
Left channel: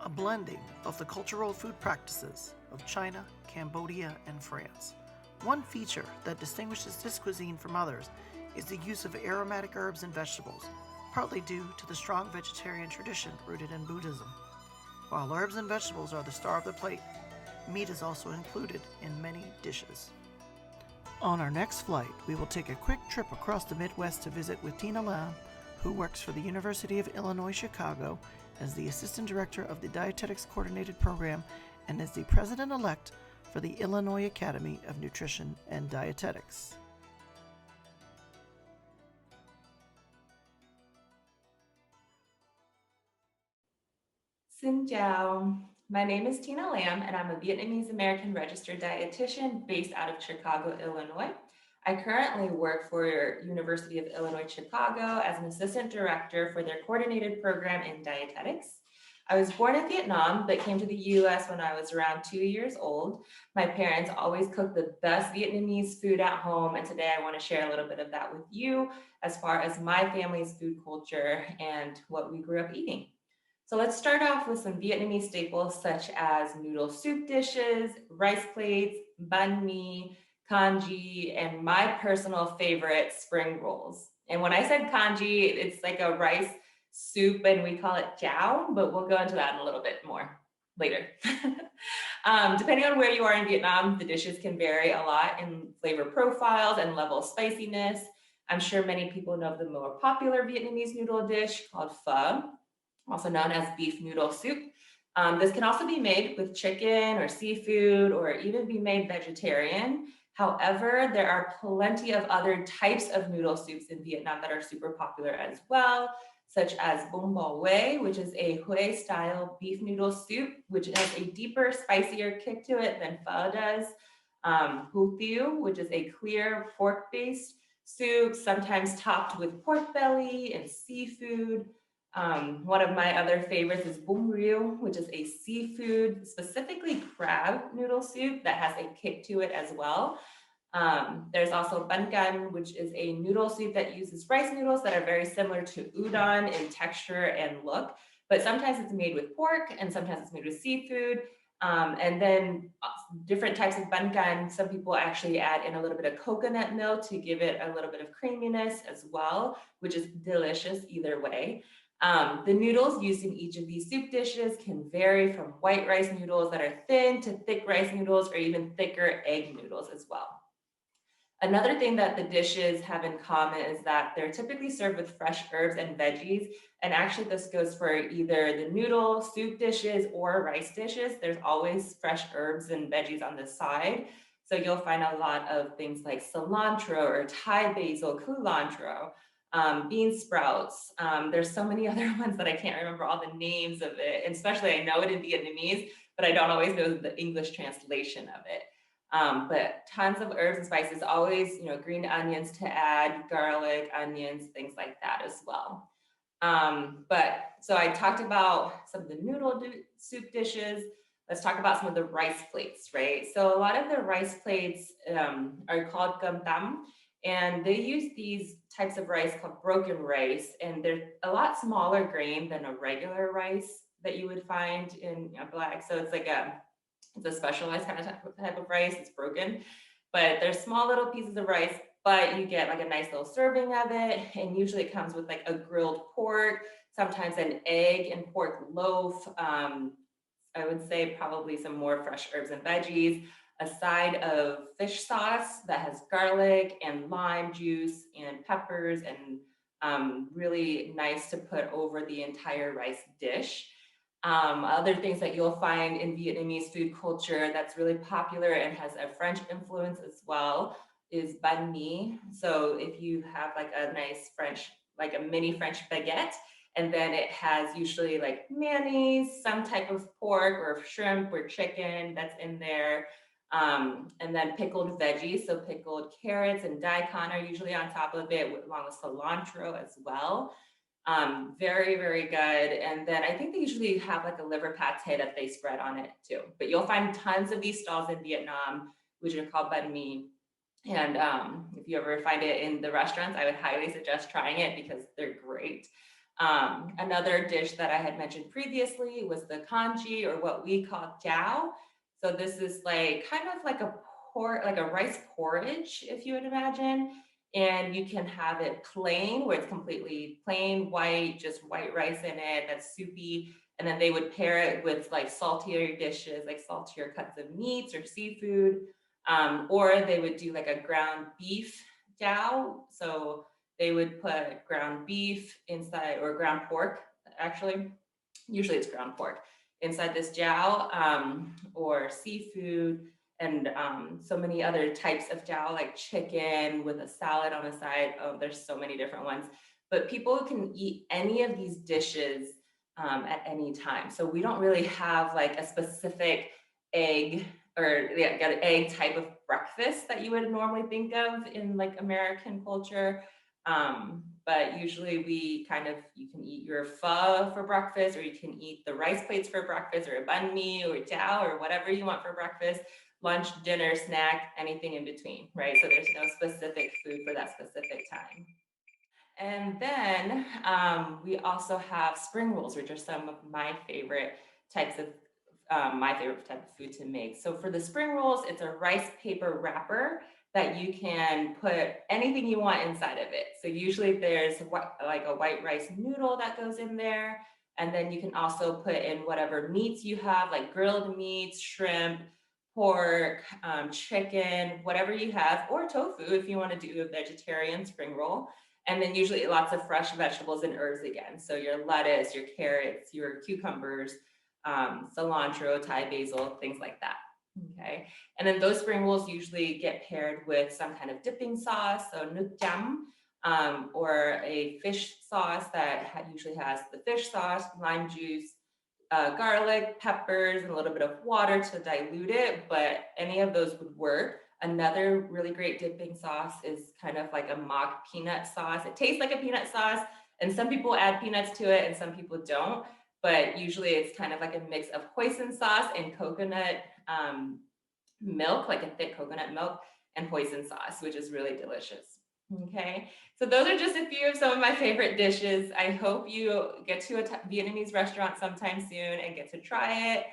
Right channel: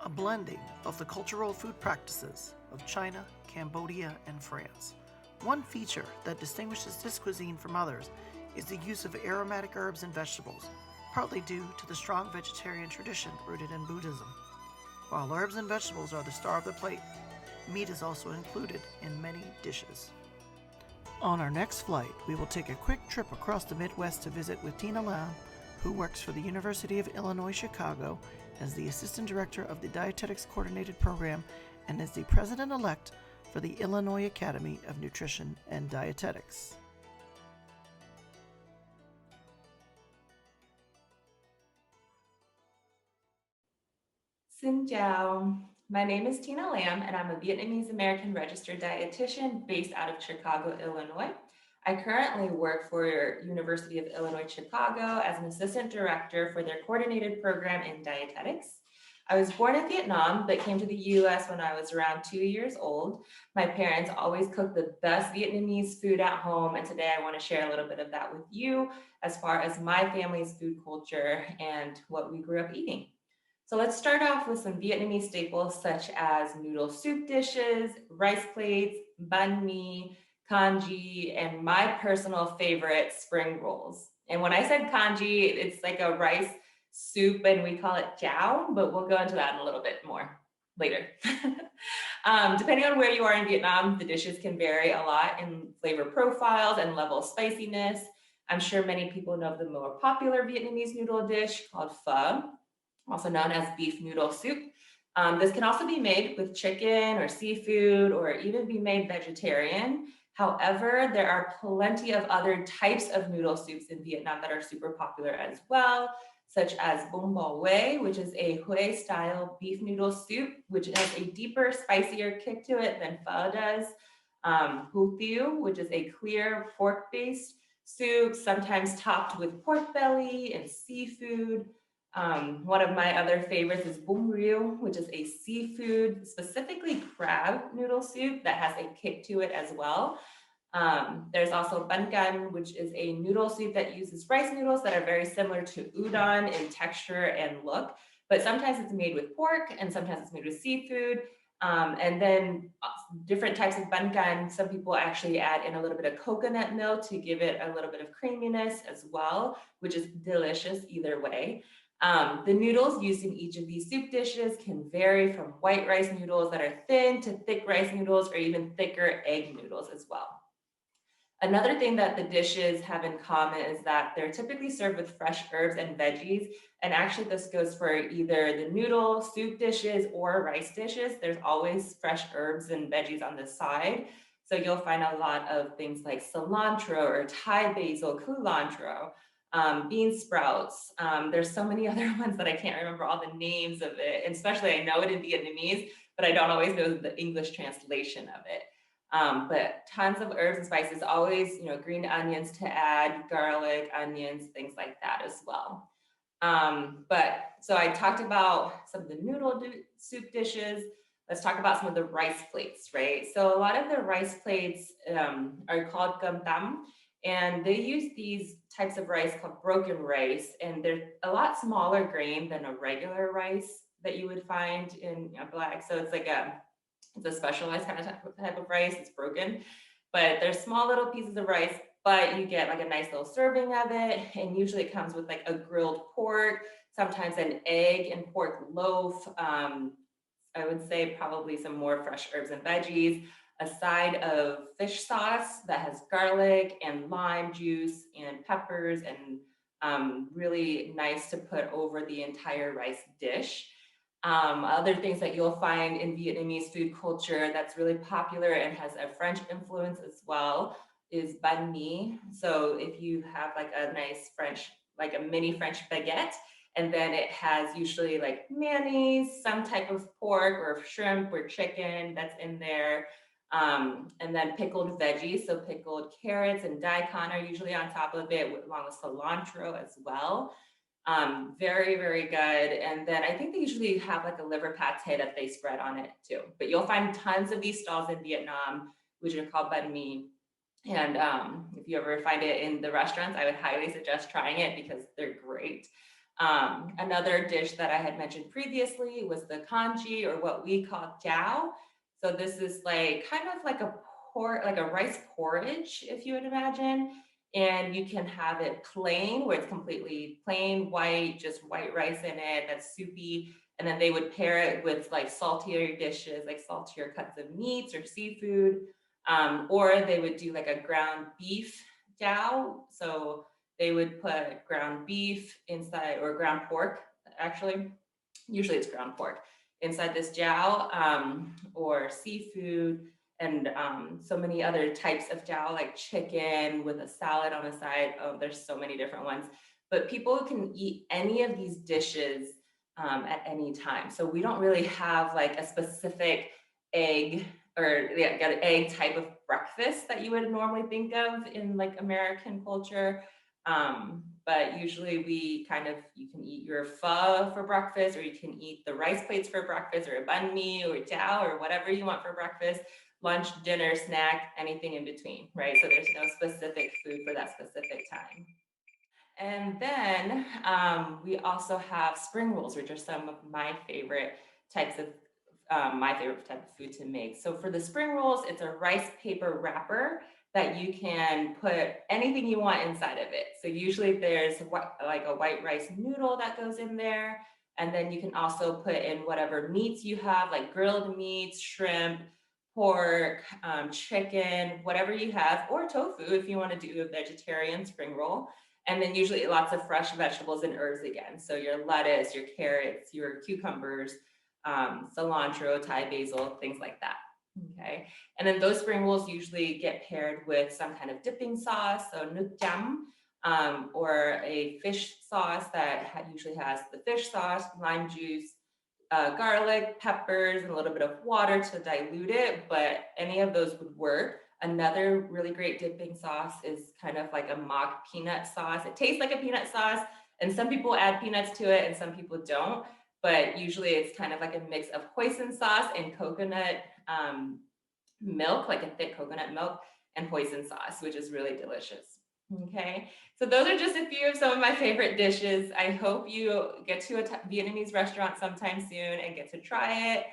A blending of the cultural food practices of China, Cambodia, and France. One feature that distinguishes this cuisine from others is the use of aromatic herbs and vegetables, partly due to the strong vegetarian tradition rooted in Buddhism. While herbs and vegetables are the star of the plate, meat is also included in many dishes. On our next flight, we will take a quick trip across the Midwest to visit with Tina Lam, who works for the University of Illinois Chicago as the Assistant Director of the Dietetics Coordinated Program and as the President-elect for the Illinois Academy of Nutrition and Dietetics. Xin chào. My name is Tina Lam, and I'm a Vietnamese American registered dietitian based out of Chicago, Illinois. I currently work for University of Illinois Chicago as an assistant director for their coordinated program in dietetics. I was born in Vietnam, but came to the US when I was around 2 years old. My parents always cooked the best Vietnamese food at home, and today I want to share a little bit of that with you as far as my family's food culture and what we grew up eating. So let's start off with some Vietnamese staples such as noodle soup dishes, rice plates, banh mi, congee, and my personal favorite, spring rolls. And when I said congee, it's like a rice soup and we call it chao, but we'll go into that in a little bit more later. Depending on where you are in Vietnam, the dishes can vary a lot in flavor profiles and level of spiciness. I'm sure many people know the more popular Vietnamese noodle dish called pho, also known as beef noodle soup. This can also be made with chicken or seafood or even be made vegetarian. However, there are plenty of other types of noodle soups in Vietnam that are super popular as well, such as bún bò Huế, which is a Huế style beef noodle soup, which has a deeper, spicier kick to it than pho does. Hủ tiếu, which is a clear pork-based soup, sometimes topped with pork belly and seafood. One of my other favorites is bún riêu, which is a seafood, specifically crab noodle soup that has a kick to it as well. There's also bangan, which is a noodle soup that uses rice noodles that are very similar to udon in texture and look, but sometimes it's made with pork and sometimes it's made with seafood. And then different types of bangan, some people actually add in a little bit of coconut milk to give it a little bit of creaminess as well, which is delicious either way. The noodles used in each of these soup dishes can vary from white rice noodles that are thin to thick rice noodles or even thicker egg noodles as well. Another thing that the dishes have in common is that they're typically served with fresh herbs and veggies. And actually this goes for either the noodle, soup dishes, or rice dishes. There's always fresh herbs and veggies on the side. So you'll find a lot of things like cilantro or Thai basil, culantro, bean sprouts. There's so many other ones that I can't remember all the names of it. And especially I know it in Vietnamese, but I don't always know the English translation of it. But tons of herbs and spices, always, green onions to add, garlic, onions, things like that as well. But so I talked about some of the noodle soup dishes. Let's talk about some of the rice plates, right? So a lot of the rice plates are called cơm tấm, and they use these types of rice called broken rice, and they're a lot smaller grain than a regular rice that you would find in black. So it's like it's a specialized kind of type of rice. It's broken, but they're small little pieces of rice, but you get like a nice little serving of it. And usually it comes with like a grilled pork, sometimes an egg and pork loaf. I would say probably some more fresh herbs and veggies, a side of fish sauce that has garlic and lime juice and peppers, and really nice to put over the entire rice dish. Other things that you'll find in Vietnamese food culture that's really popular and has a French influence as well is banh mi. So if you have like a nice French, like a mini French baguette, and then it has usually like mayonnaise, some type of pork or shrimp or chicken that's in there. And then pickled veggies, so pickled carrots and daikon are usually on top of it, along with cilantro as well. Very, very good. And then I think they usually have like a liver pate that they spread on it too. But you'll find tons of these stalls in Vietnam, which are called banh mi. And if you ever find it in the restaurants, I would highly suggest trying it because they're great. Another dish that I had mentioned previously was the congee, or what we call jiao. So this is like kind of like a rice porridge, if you would imagine. And you can have it plain, where it's completely plain white, just white rice in it, that's soupy. And then they would pair it with like saltier dishes, like saltier cuts of meats or seafood. Or they would do like a ground beef jiao. So they would put ground beef inside, or ground pork, actually. Usually it's ground pork inside this jiao, or seafood, and so many other types of jiao, like chicken with a salad on the side. Oh, there's so many different ones. But people can eat any of these dishes at any time. So we don't really have like a specific egg or egg type of breakfast that you would normally think of in like American culture. But usually you can eat your pho for breakfast, or you can eat the rice plates for breakfast, or a banh mi or jiao or whatever you want for breakfast, lunch, dinner, snack, anything in between, right? So there's no specific food for that specific time. And then we also have spring rolls, which are some of my favorite types of type of food to make. So for the spring rolls, it's a rice paper wrapper that you can put anything you want inside of it. So usually there's like a white rice noodle that goes in there. And then you can also put in whatever meats you have, like grilled meats, shrimp, pork, chicken, whatever you have, or tofu if you want to do a vegetarian spring roll. And then usually lots of fresh vegetables and herbs again. So your lettuce, your carrots, your cucumbers, cilantro, Thai basil, things like that. Okay. And then those spring rolls usually get paired with some kind of dipping sauce, so nước chấm, or a fish sauce that usually has the fish sauce, lime juice, garlic, peppers, and a little bit of water to dilute it, but any of those would work. Another really great dipping sauce is kind of like a mock peanut sauce. It tastes like a peanut sauce, and some people add peanuts to it and some people don't, but usually it's kind of like a mix of hoisin sauce and coconut milk, like a thick coconut milk. and hoisin sauce, which is really delicious. Okay, so those are just a few of some of my favorite dishes. I hope you get to a Vietnamese restaurant sometime soon and get to try it.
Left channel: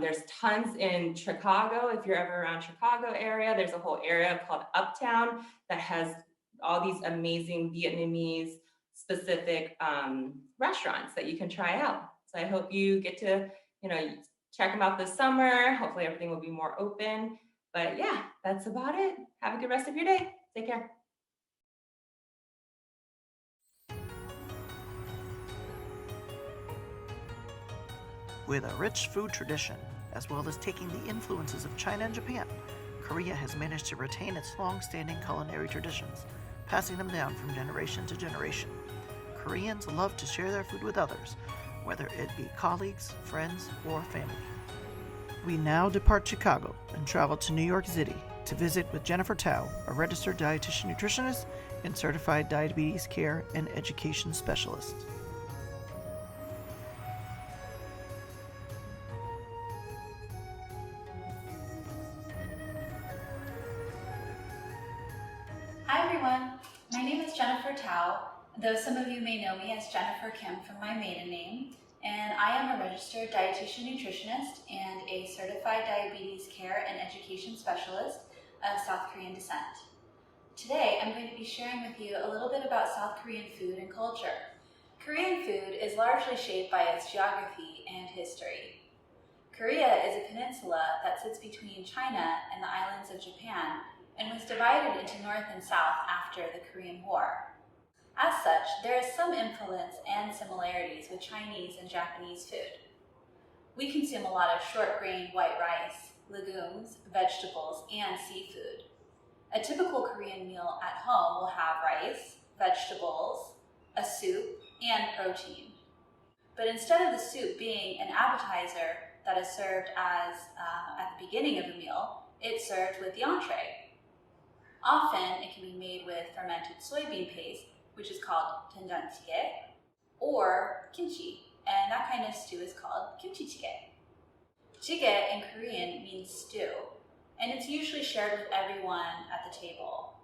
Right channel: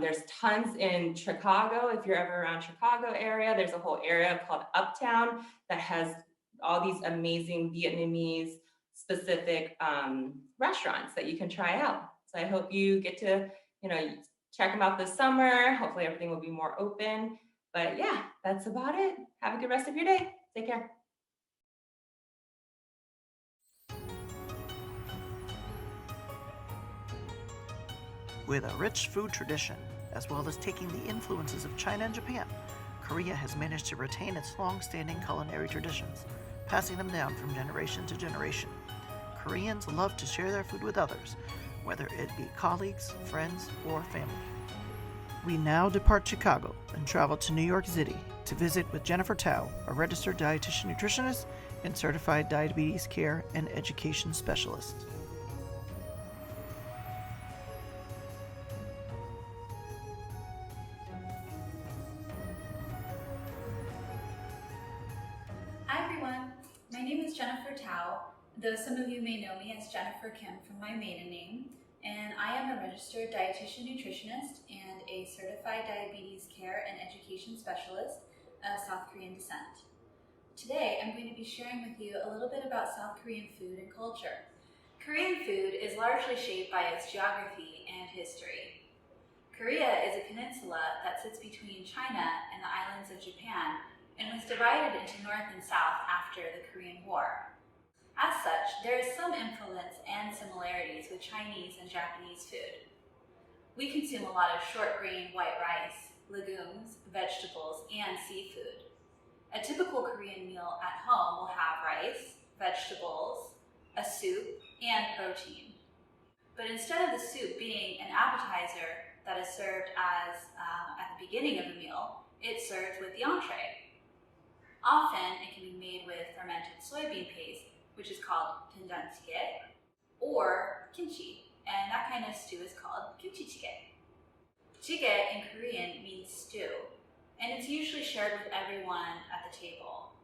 There's tons in Chicago. If you're ever around Chicago area, there's a whole area called Uptown that has all these amazing Vietnamese specific restaurants that you can try out. So I hope you get to, check them out this summer. Hopefully everything will be more open. But yeah, that's about it. Have a good rest of your day. Take care. With a rich food tradition, as well as taking the influences of China and Japan, Korea has managed to retain its long-standing culinary traditions, passing them down from generation to generation. Koreans love to share their food with others, whether it be colleagues, friends, or family. We now depart Chicago and travel to New York City to visit with Jennifer Tao, a registered dietitian nutritionist and certified diabetes care and education specialist. Hi everyone, my name is Jennifer Tao, though some of you may know me as Jennifer Kim from my maiden name, and I am a registered dietitian nutritionist and a certified diabetes care and education specialist of South Korean descent. Today I'm going to be sharing with you a little bit about South Korean food and culture. Korean food is largely shaped by its geography and history. Korea is a peninsula that sits between China and the islands of Japan and was divided into North and South after the Korean War. As such, there is some influence and similarities with Chinese and Japanese food. We consume a lot of short grain white rice, legumes, vegetables, and seafood. A typical Korean meal at home will have rice, vegetables, a soup, and protein. But instead of the soup being an appetizer that is served as at the beginning of a meal, it's served with the entree. Often, it can be made with fermented soybean paste, which is called doenjanjjigae, or kimchi, and that kind of stew is called kimchi jjigae. Jjigae in Korean means stew, and it's usually shared with everyone at the table,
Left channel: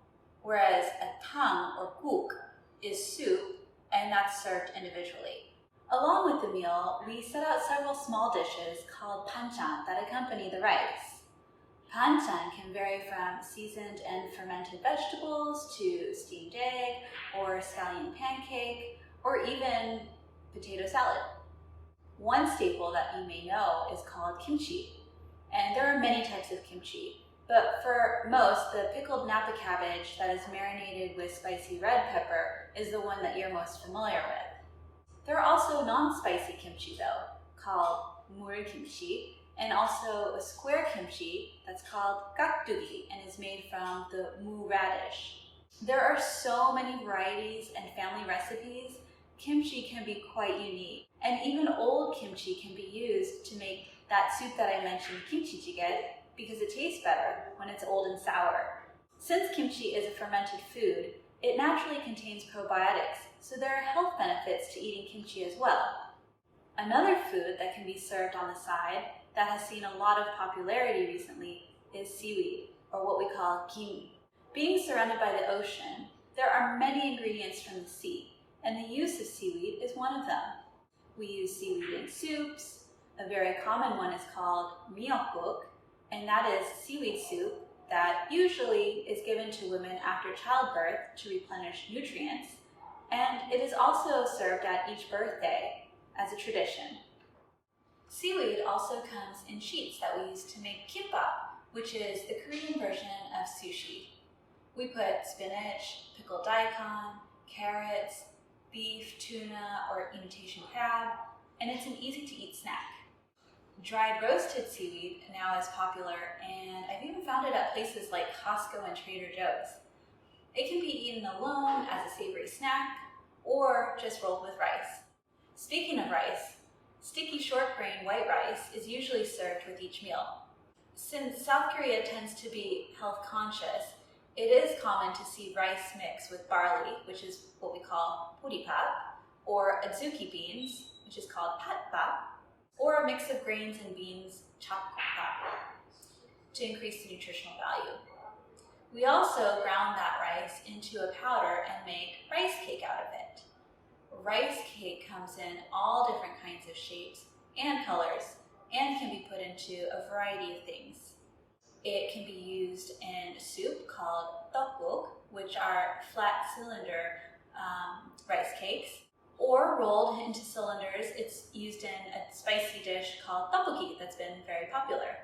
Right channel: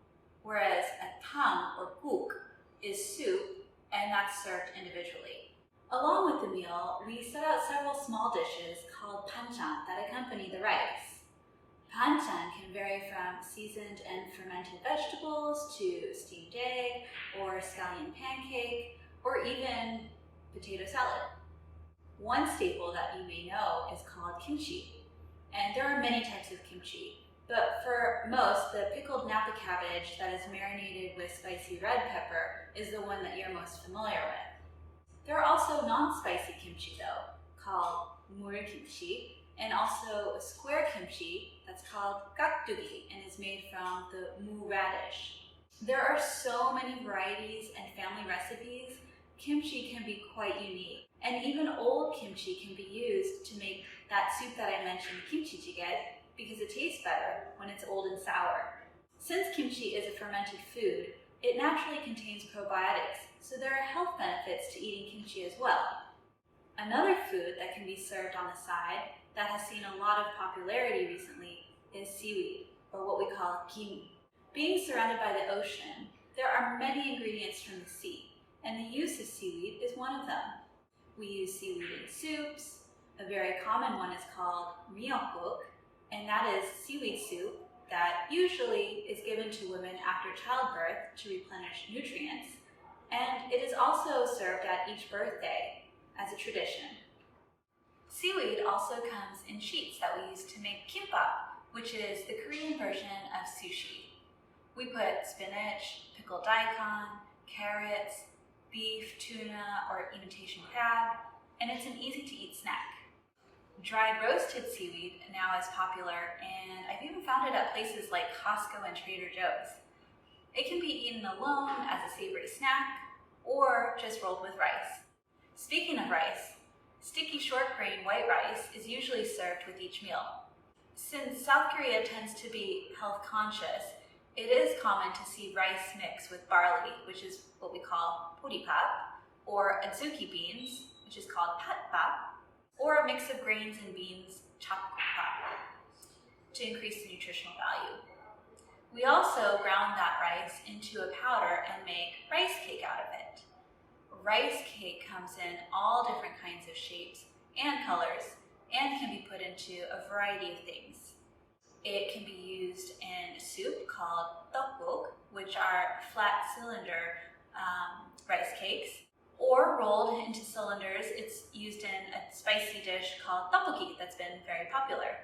whereas a tang or guk is soup, and that's served individually. Along with the meal, we set out several small dishes called banchan that accompany the rice. Banchan can vary from seasoned and fermented vegetables to steamed egg or scallion pancake or even potato salad. One staple that you may know is called kimchi, and there are many types of kimchi, but for most, the pickled napa cabbage that is marinated with spicy red pepper is the one that you're most familiar with. There are also non-spicy kimchi though, called mul kimchi, and also a square kimchi that's called gakdugi and is made from the mu radish. There are so many varieties and family recipes. Kimchi can be quite unique, and even old kimchi can be used to make that soup that I mentioned, kimchi jjigae, because it tastes better when it's old and sour. Since kimchi is a fermented food, it naturally contains probiotics, so there are health benefits to eating kimchi as well. Another food that can be served on the side that has seen a lot of popularity recently is seaweed, or what we call kim. Being surrounded by the ocean, there are many ingredients from the sea, and the use of seaweed is one of them. We use seaweed in soups. A very common one is called miyeokguk, and that is seaweed soup that usually is given to women after childbirth to replenish nutrients, and it is also served at each birthday as a tradition. Seaweed also comes in sheets that we use to make kimbap, which is the Korean version of sushi. We put spinach, pickled daikon, carrots, beef, tuna, or imitation crab, and it's an easy-to-eat snack. Dried roasted seaweed now is popular, and I've even found it at places like Costco and Trader Joe's. It can be eaten alone as a savory snack, or just rolled with rice. Speaking of rice, sticky short grain white rice is usually served with each meal. Since South Korea tends to be health conscious, it is common to see rice mixed with barley, which is what we call poripap, or adzuki beans, which is called patpap, or a mix of grains and beans, chapkopap, to increase the nutritional value. We also ground that rice into a powder and make rice cake out of it. Rice cake comes in all different kinds of shapes and colors and can be put into a variety of things. It can be used in soup called tteokbok, which are flat cylinder rice cakes, or rolled into cylinders. It's used in a spicy dish called tteokbokki that's been very popular.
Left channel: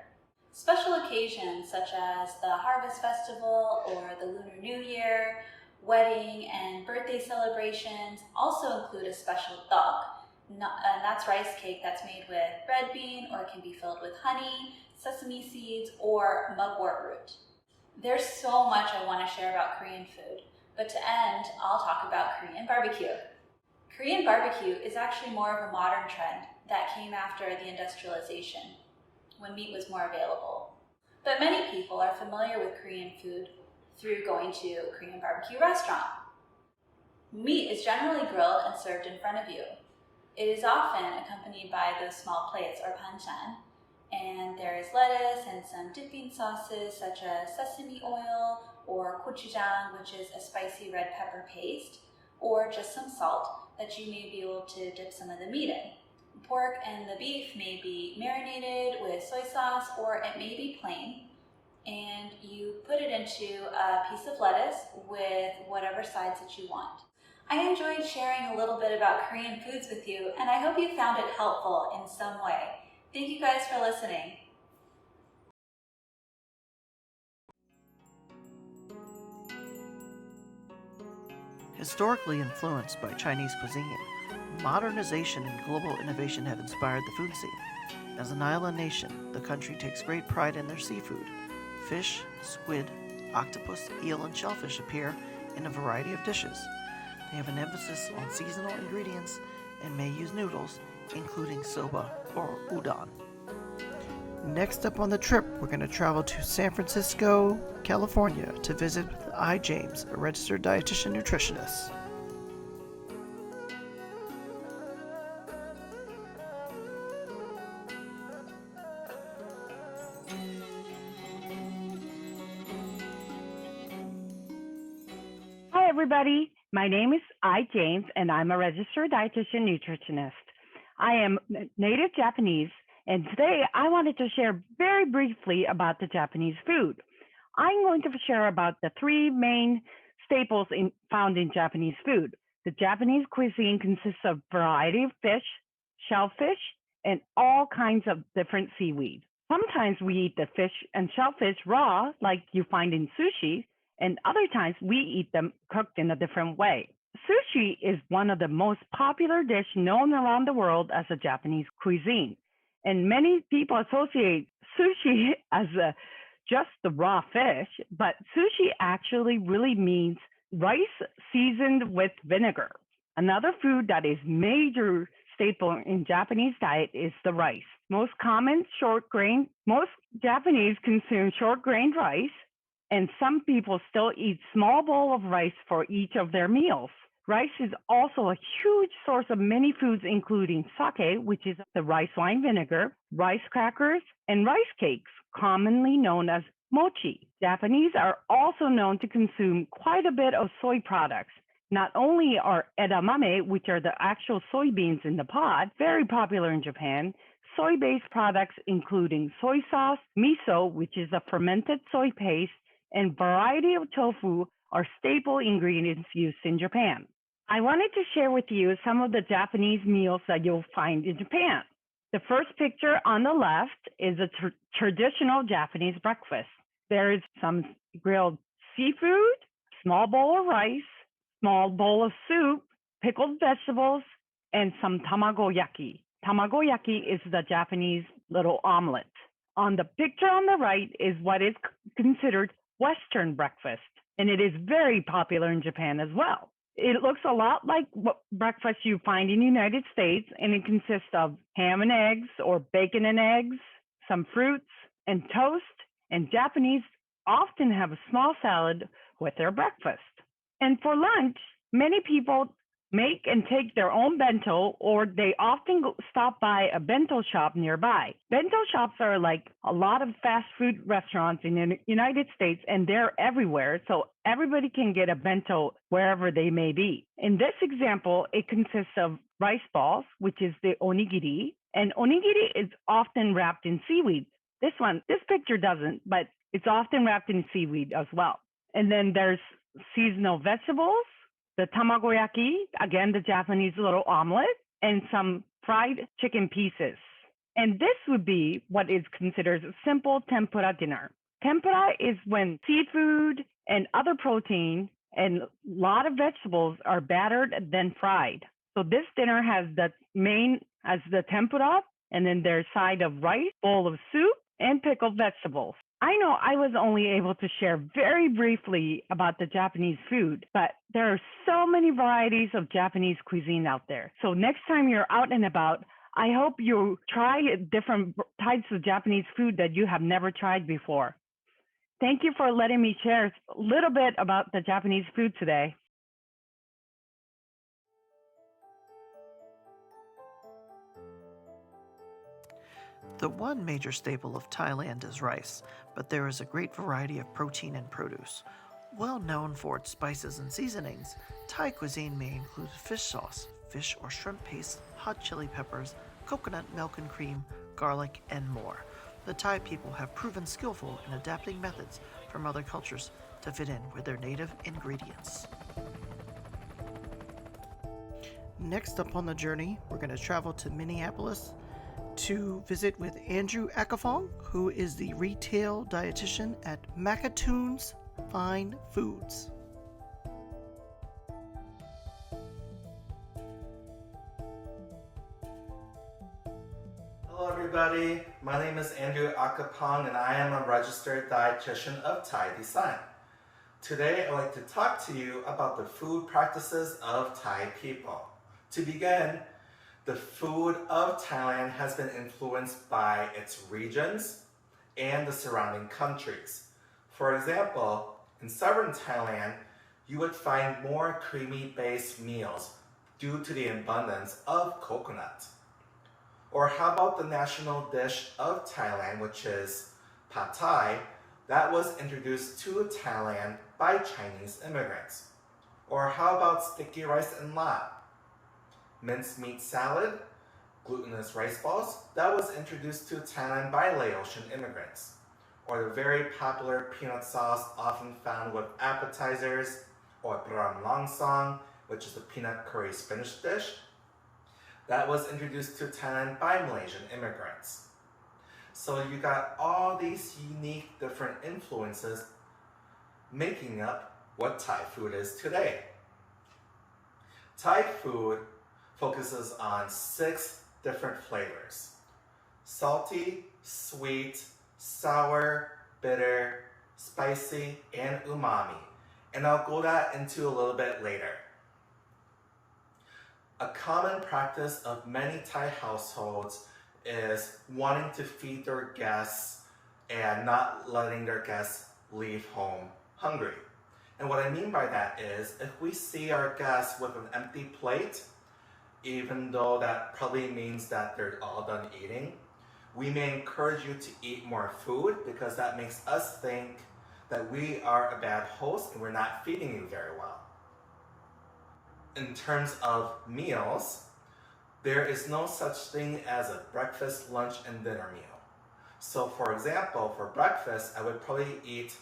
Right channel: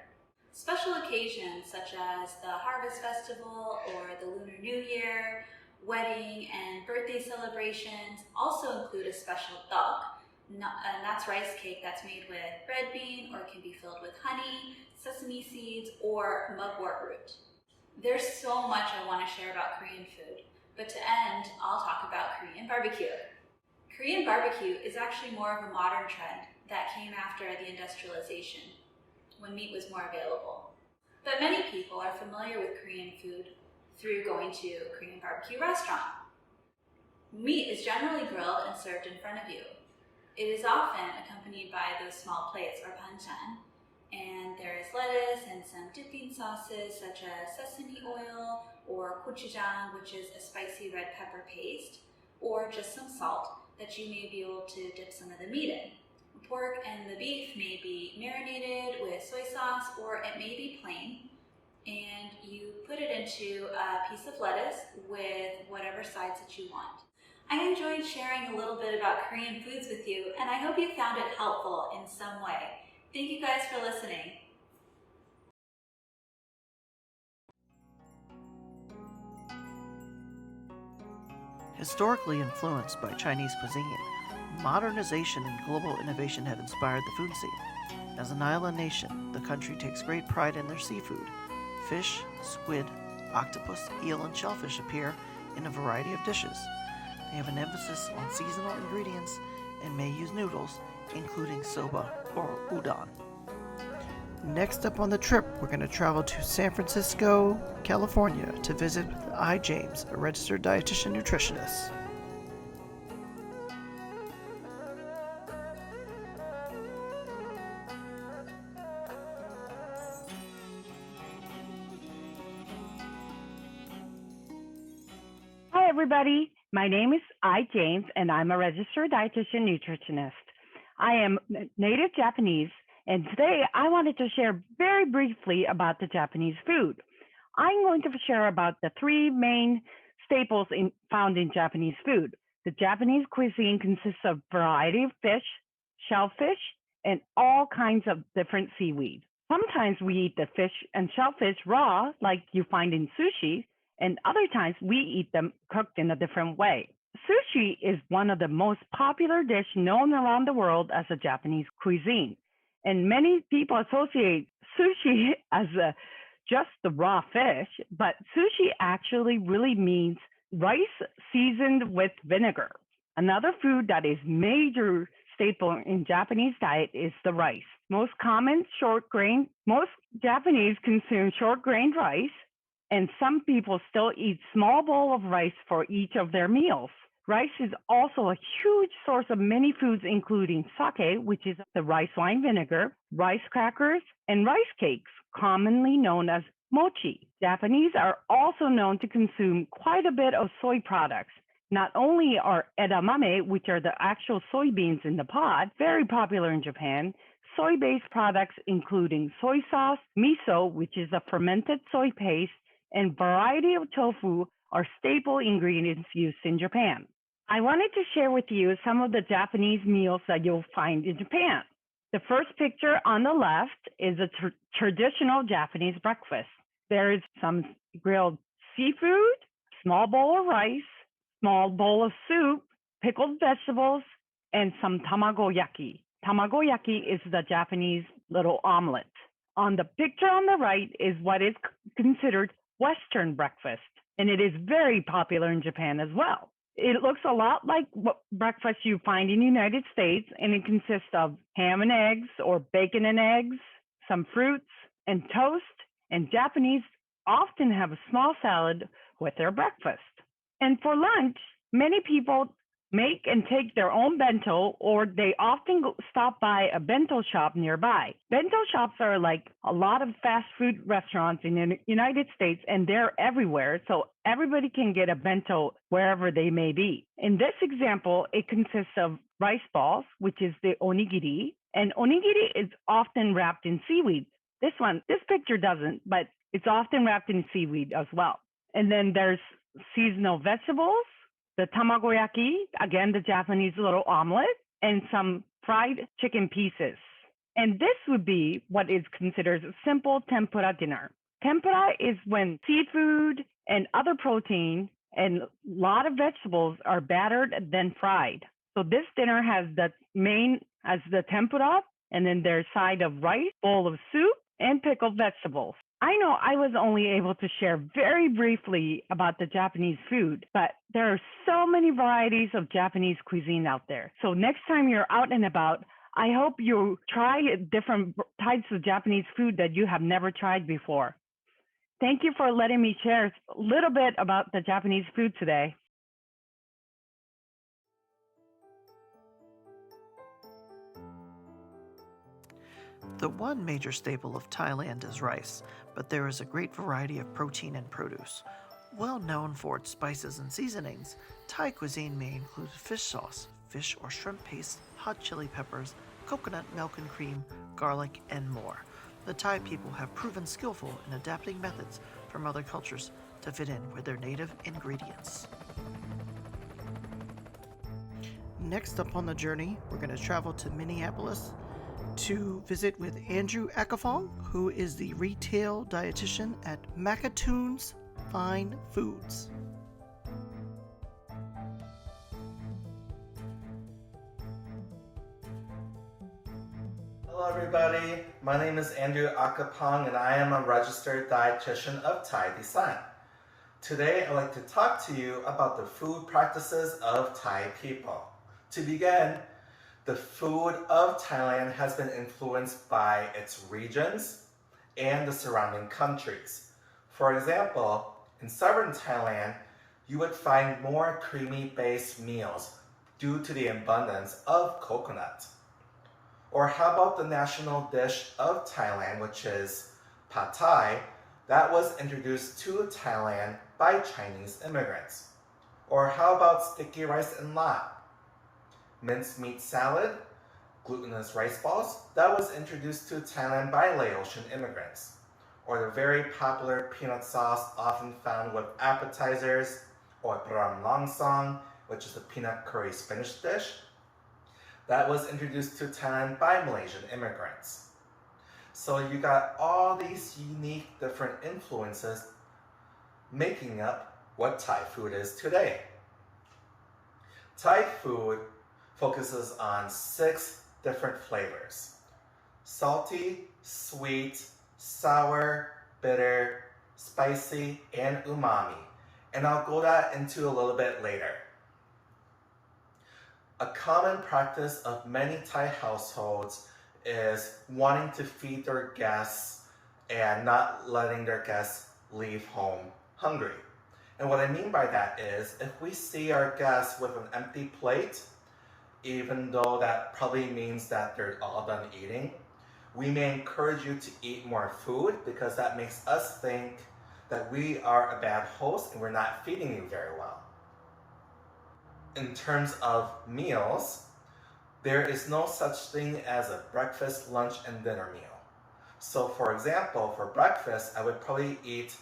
Special occasions such as the Harvest Festival or the Lunar New Year, wedding and birthday celebrations also include a special tteok, and that's rice cake that's made with red bean, or it can be filled with honey, sesame seeds, or mugwort root. There's so much I want to share about Korean food, but to end, I'll talk about Korean barbecue. Korean barbecue is actually more of a modern trend that came after the industrialization, when meat was more available. But many people are familiar with Korean food through going to a Korean barbecue restaurant. Meat is generally grilled and served in front of you. It is often accompanied by those small plates or banchan, and there is lettuce and some dipping sauces such as sesame oil or gochujang, which is a spicy red pepper paste, or just some salt that you may be able to dip some of the meat in. Pork and the beef may be marinated with soy sauce, or it may be plain, and you put it into a piece of lettuce with whatever sides that you want. I enjoyed sharing a little bit about Korean foods with you, and I hope you found it helpful in some way. Thank you guys for listening. Historically influenced by Chinese cuisine, modernization and global innovation have inspired the food scene. As an island nation, the country takes great pride in their seafood. Fish, squid, octopus, eel, and shellfish appear in a variety of dishes. They have an emphasis on seasonal ingredients and may use noodles, including soba or udon. Next up on the trip, we're going to travel to San Francisco, California to visit with I. James, a registered dietitian nutritionist. Hi, everybody. My name is I. James, and I'm a registered dietitian nutritionist. I am native Japanese, and today I wanted to share very briefly about the Japanese food. I'm going to share about the three main staples found in Japanese food. The Japanese cuisine consists of a variety of fish, shellfish, and all kinds of different seaweed. Sometimes we eat the fish and shellfish raw, like you find in sushi, and other times we eat them cooked in a different way. Sushi is one of the most popular dishes known around the world as a Japanese cuisine. And many people associate sushi as just the raw fish, but sushi actually really means rice seasoned with vinegar. Another food that is major staple in Japanese diet is the rice. Most Japanese consume short-grained rice, and some people still eat small bowl of rice for each of their meals. Rice is also a huge source of many foods, including sake, which is the rice wine vinegar, rice crackers, and rice cakes, commonly known as mochi. Japanese are also known to consume quite a bit of soy products. Not only are edamame, which are the actual soybeans in the pod, very popular in Japan, soy-based products including soy sauce, miso, which is a fermented soy paste, and variety of tofu are staple ingredients used in Japan. I wanted to share with you some of the Japanese meals that you'll find in Japan. The first picture on the left is a traditional Japanese breakfast. There is some grilled seafood, small bowl of rice, small bowl of soup, pickled vegetables, and some tamagoyaki. Tamagoyaki is the Japanese little omelet. On the picture on the right is what is considered Western breakfast, and it is very popular in Japan as well. It looks a lot like what breakfast you find in the United States, and it consists of ham and eggs or bacon and eggs, some fruits, and toast, and Japanese often have a small salad with their breakfast. And for lunch, many people make and take their own bento, or they often stop by a bento shop nearby. Bento shops are like a lot of fast food restaurants in the United States, and they're everywhere, so everybody can get a bento wherever they may be. In this example, it consists of rice balls, which is the onigiri, and onigiri is often wrapped in seaweed. This picture doesn't, but it's often wrapped in seaweed as well. And then there's seasonal vegetables, the tamagoyaki, again, the Japanese little omelet, and some fried chicken pieces. And this would be what is considered a simple tempura dinner. Tempura is when seafood and other protein and a lot of vegetables are battered then fried. So this dinner has the tempura, and then there's side of rice, bowl of soup, and pickled vegetables. I know I was only able to share very briefly about the Japanese food, but there are so many varieties of Japanese cuisine out there. So next time you're out and about, I hope you try different types of Japanese food that you have never tried before. Thank you for letting me share a little bit about the Japanese food today. The one major staple of Thailand is rice, but there is a great variety of protein and produce. Well known for its spices and seasonings, Thai cuisine may include fish sauce, fish or shrimp paste, hot chili peppers, coconut milk and cream, garlic, and more. The Thai people have proven skillful in adapting methods from other cultures to fit in with their native ingredients. Next up on the journey, we're going to travel to Minneapolis to visit with Andrew Akhaphong, who is the retail dietitian at Makatoon's Fine Foods. Hello everybody, my name is Andrew Akhaphong and I am a registered dietitian of Thai descent. Today I'd like to talk to you about the food practices of Thai people. To begin, the food of Thailand has been influenced by its regions and the surrounding countries. For example, in southern Thailand, you would find more creamy-based meals due to the abundance of coconut. Or how about the national dish of Thailand, which is pad Thai, that was introduced to Thailand by Chinese immigrants? Or how about sticky rice and lap? Mincemeat salad, glutinous rice balls, that was introduced to Thailand by Laotian immigrants. Or the very popular peanut sauce often found with appetizers, or pram long song, which is a peanut curry spinach dish, that was introduced to Thailand by Malaysian immigrants. So you got all these unique different influences making up what Thai food is today. Thai food focuses on 6 different flavors: salty, sweet, sour, bitter, spicy, and umami. And I'll go into a little bit later. A common practice of many Thai households is wanting to feed their guests and not letting their guests leave home hungry. And what I mean by that is, if we see our guests with an empty plate, even though that probably means that they're all done eating, we may encourage you to eat more food because that makes us think that we are a bad host and we're not feeding you very well. In terms of meals, there is no such thing as a breakfast, lunch, and dinner meal. So for example, for breakfast, I would probably eat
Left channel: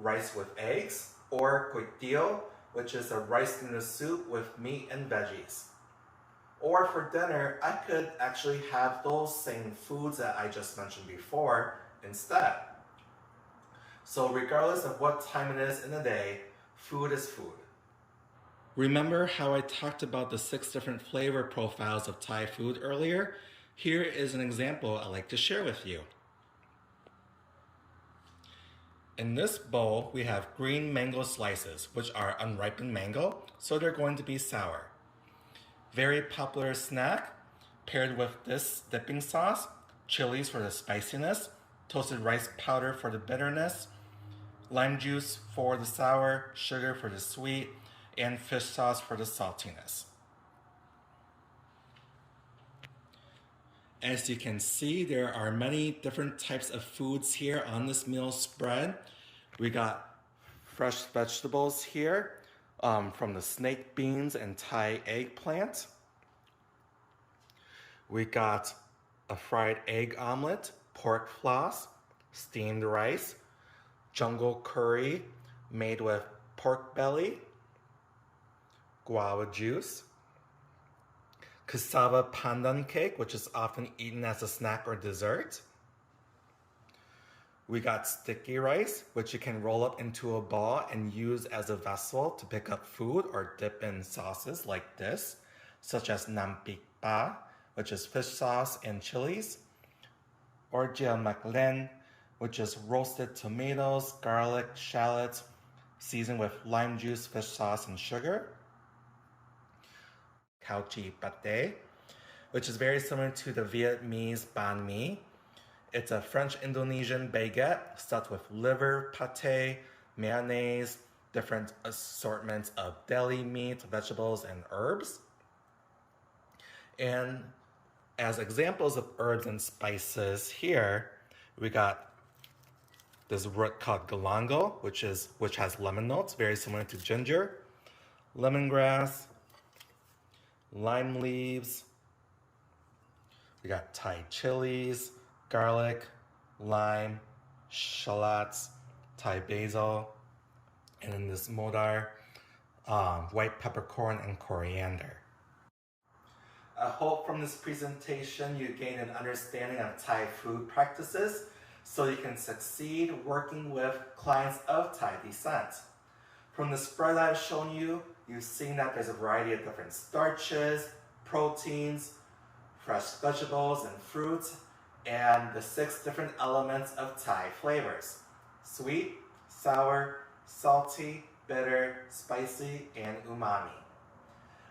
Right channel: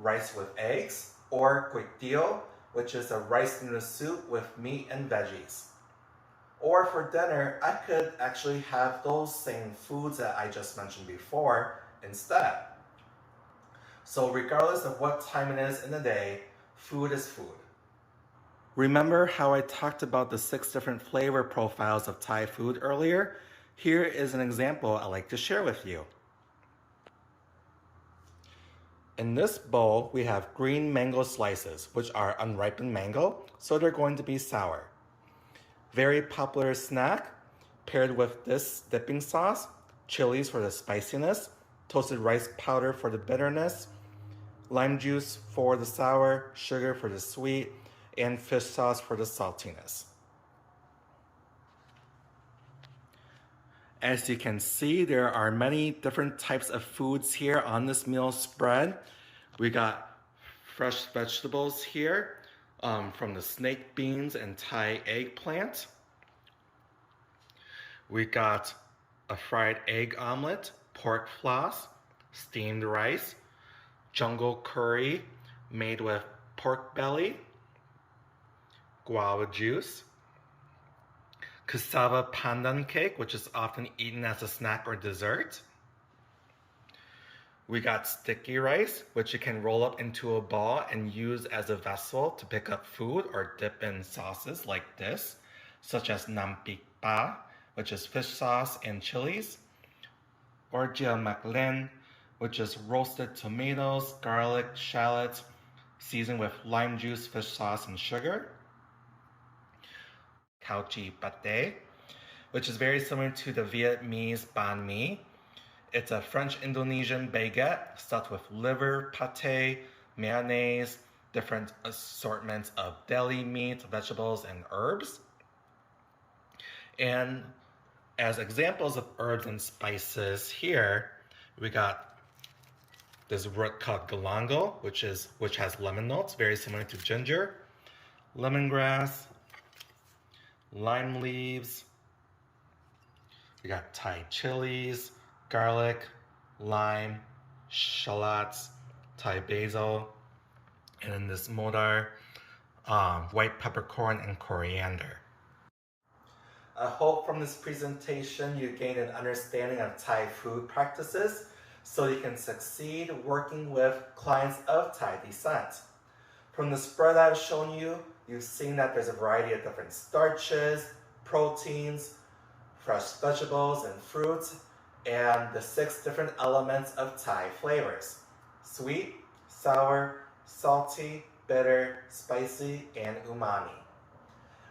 rice with eggs, or kuitio, which is a rice noodle soup with meat and veggies. Or for dinner, I could actually have those same foods that I just mentioned before instead. So regardless of what time it is in the day, food is food. Remember how I talked about the 6 different flavor profiles of Thai food earlier? Here is an example I'd like to share with you. In this bowl, we have green mango slices, which are unripened mango, so they're going to be sour. Very popular snack, paired with this dipping sauce, chilies for the spiciness, toasted rice powder for the bitterness, lime juice for the sour, sugar for the sweet, and fish sauce for the saltiness. As you can see, there are many different types of foods here on this meal spread. We got fresh vegetables here from the snake beans and Thai eggplant. We got a fried egg omelet, pork floss, steamed rice, jungle curry made with pork belly, guava juice, cassava pandan cake, which is often eaten as a snack or dessert. We got sticky rice, which you can roll up into a ball and use as a vessel to pick up food or dip in sauces like this, such as nam pik pa, which is fish sauce and chilies, or jia mak len, which is roasted tomatoes, garlic, shallots, seasoned with lime juice, fish sauce, and sugar. Khao chi pate, which is very similar to the Vietnamese banh mi. It's a French-Indonesian baguette stuffed with liver, pate, mayonnaise, different assortments of deli meat, vegetables, and herbs. And as examples of herbs and spices here, we got this root called galangal, which has lemon notes, very similar to ginger, lemongrass, lime leaves. We got Thai chilies, garlic, lime, shallots, Thai basil, and in this modar, white peppercorn and coriander. I hope from this presentation you gain an understanding of Thai food practices so you can succeed working with clients of Thai descent. From the spread I've shown you, you've seen that there's a variety of different starches, proteins, fresh vegetables and fruits, and the 6 different elements of Thai flavors: sweet, sour, salty, bitter, spicy, and umami.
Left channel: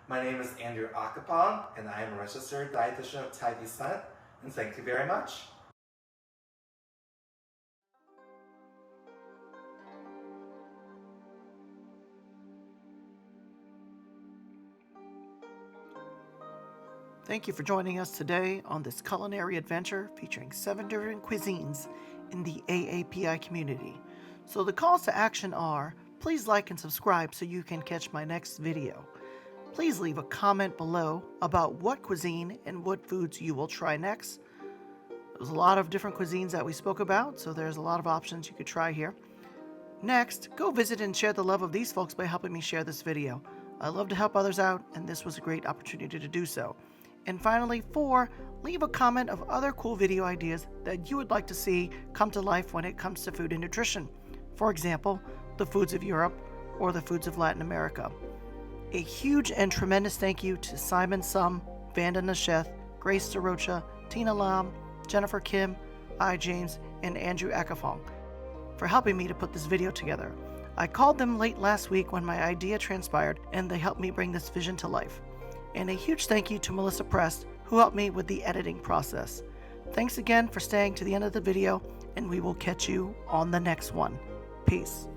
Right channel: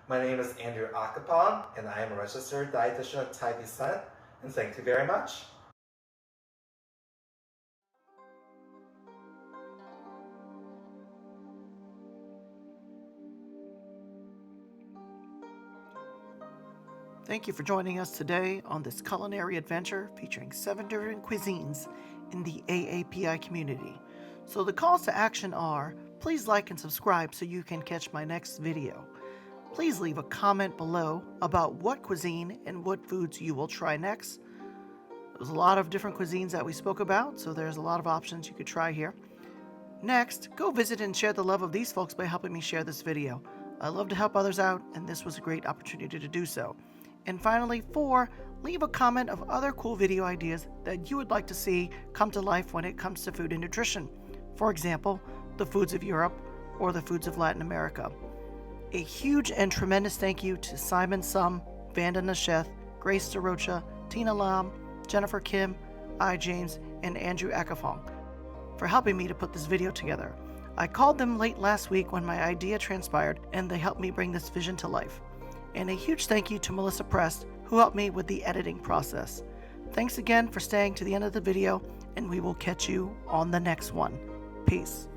My name is Andrew Akhaphong, and I am a registered dietitian of Thai descent, and thank you very much. Thank you for joining us today on this culinary adventure featuring 7 different cuisines in the AAPI community. So the calls to action are, please like and subscribe so you can catch my next video. Please leave a comment below about what cuisine and what foods you will try next. There's a lot of different cuisines that we spoke about, so there's a lot of options you could try here. Next, go visit and share the love of these folks by helping me share this video. I love to help others out, and this was a great opportunity to do so. And finally, 4, leave a comment of other cool video ideas that you would like to see come to life when it comes to food and nutrition. For example, the foods of Europe or the foods of Latin America. A huge and tremendous thank you to Simon Sum, Vandana Sheth, Grace Derocha, Tina Lam, Jennifer Kim, I. James, and Andrew Akhaphong for helping me to put this video together. I called them late last week when my idea transpired, and they helped me bring this vision to life. And a huge thank you to Melissa Prest, who helped me with the editing process. Thanks again for staying to the end of the video, and we will catch you on the next one. Peace.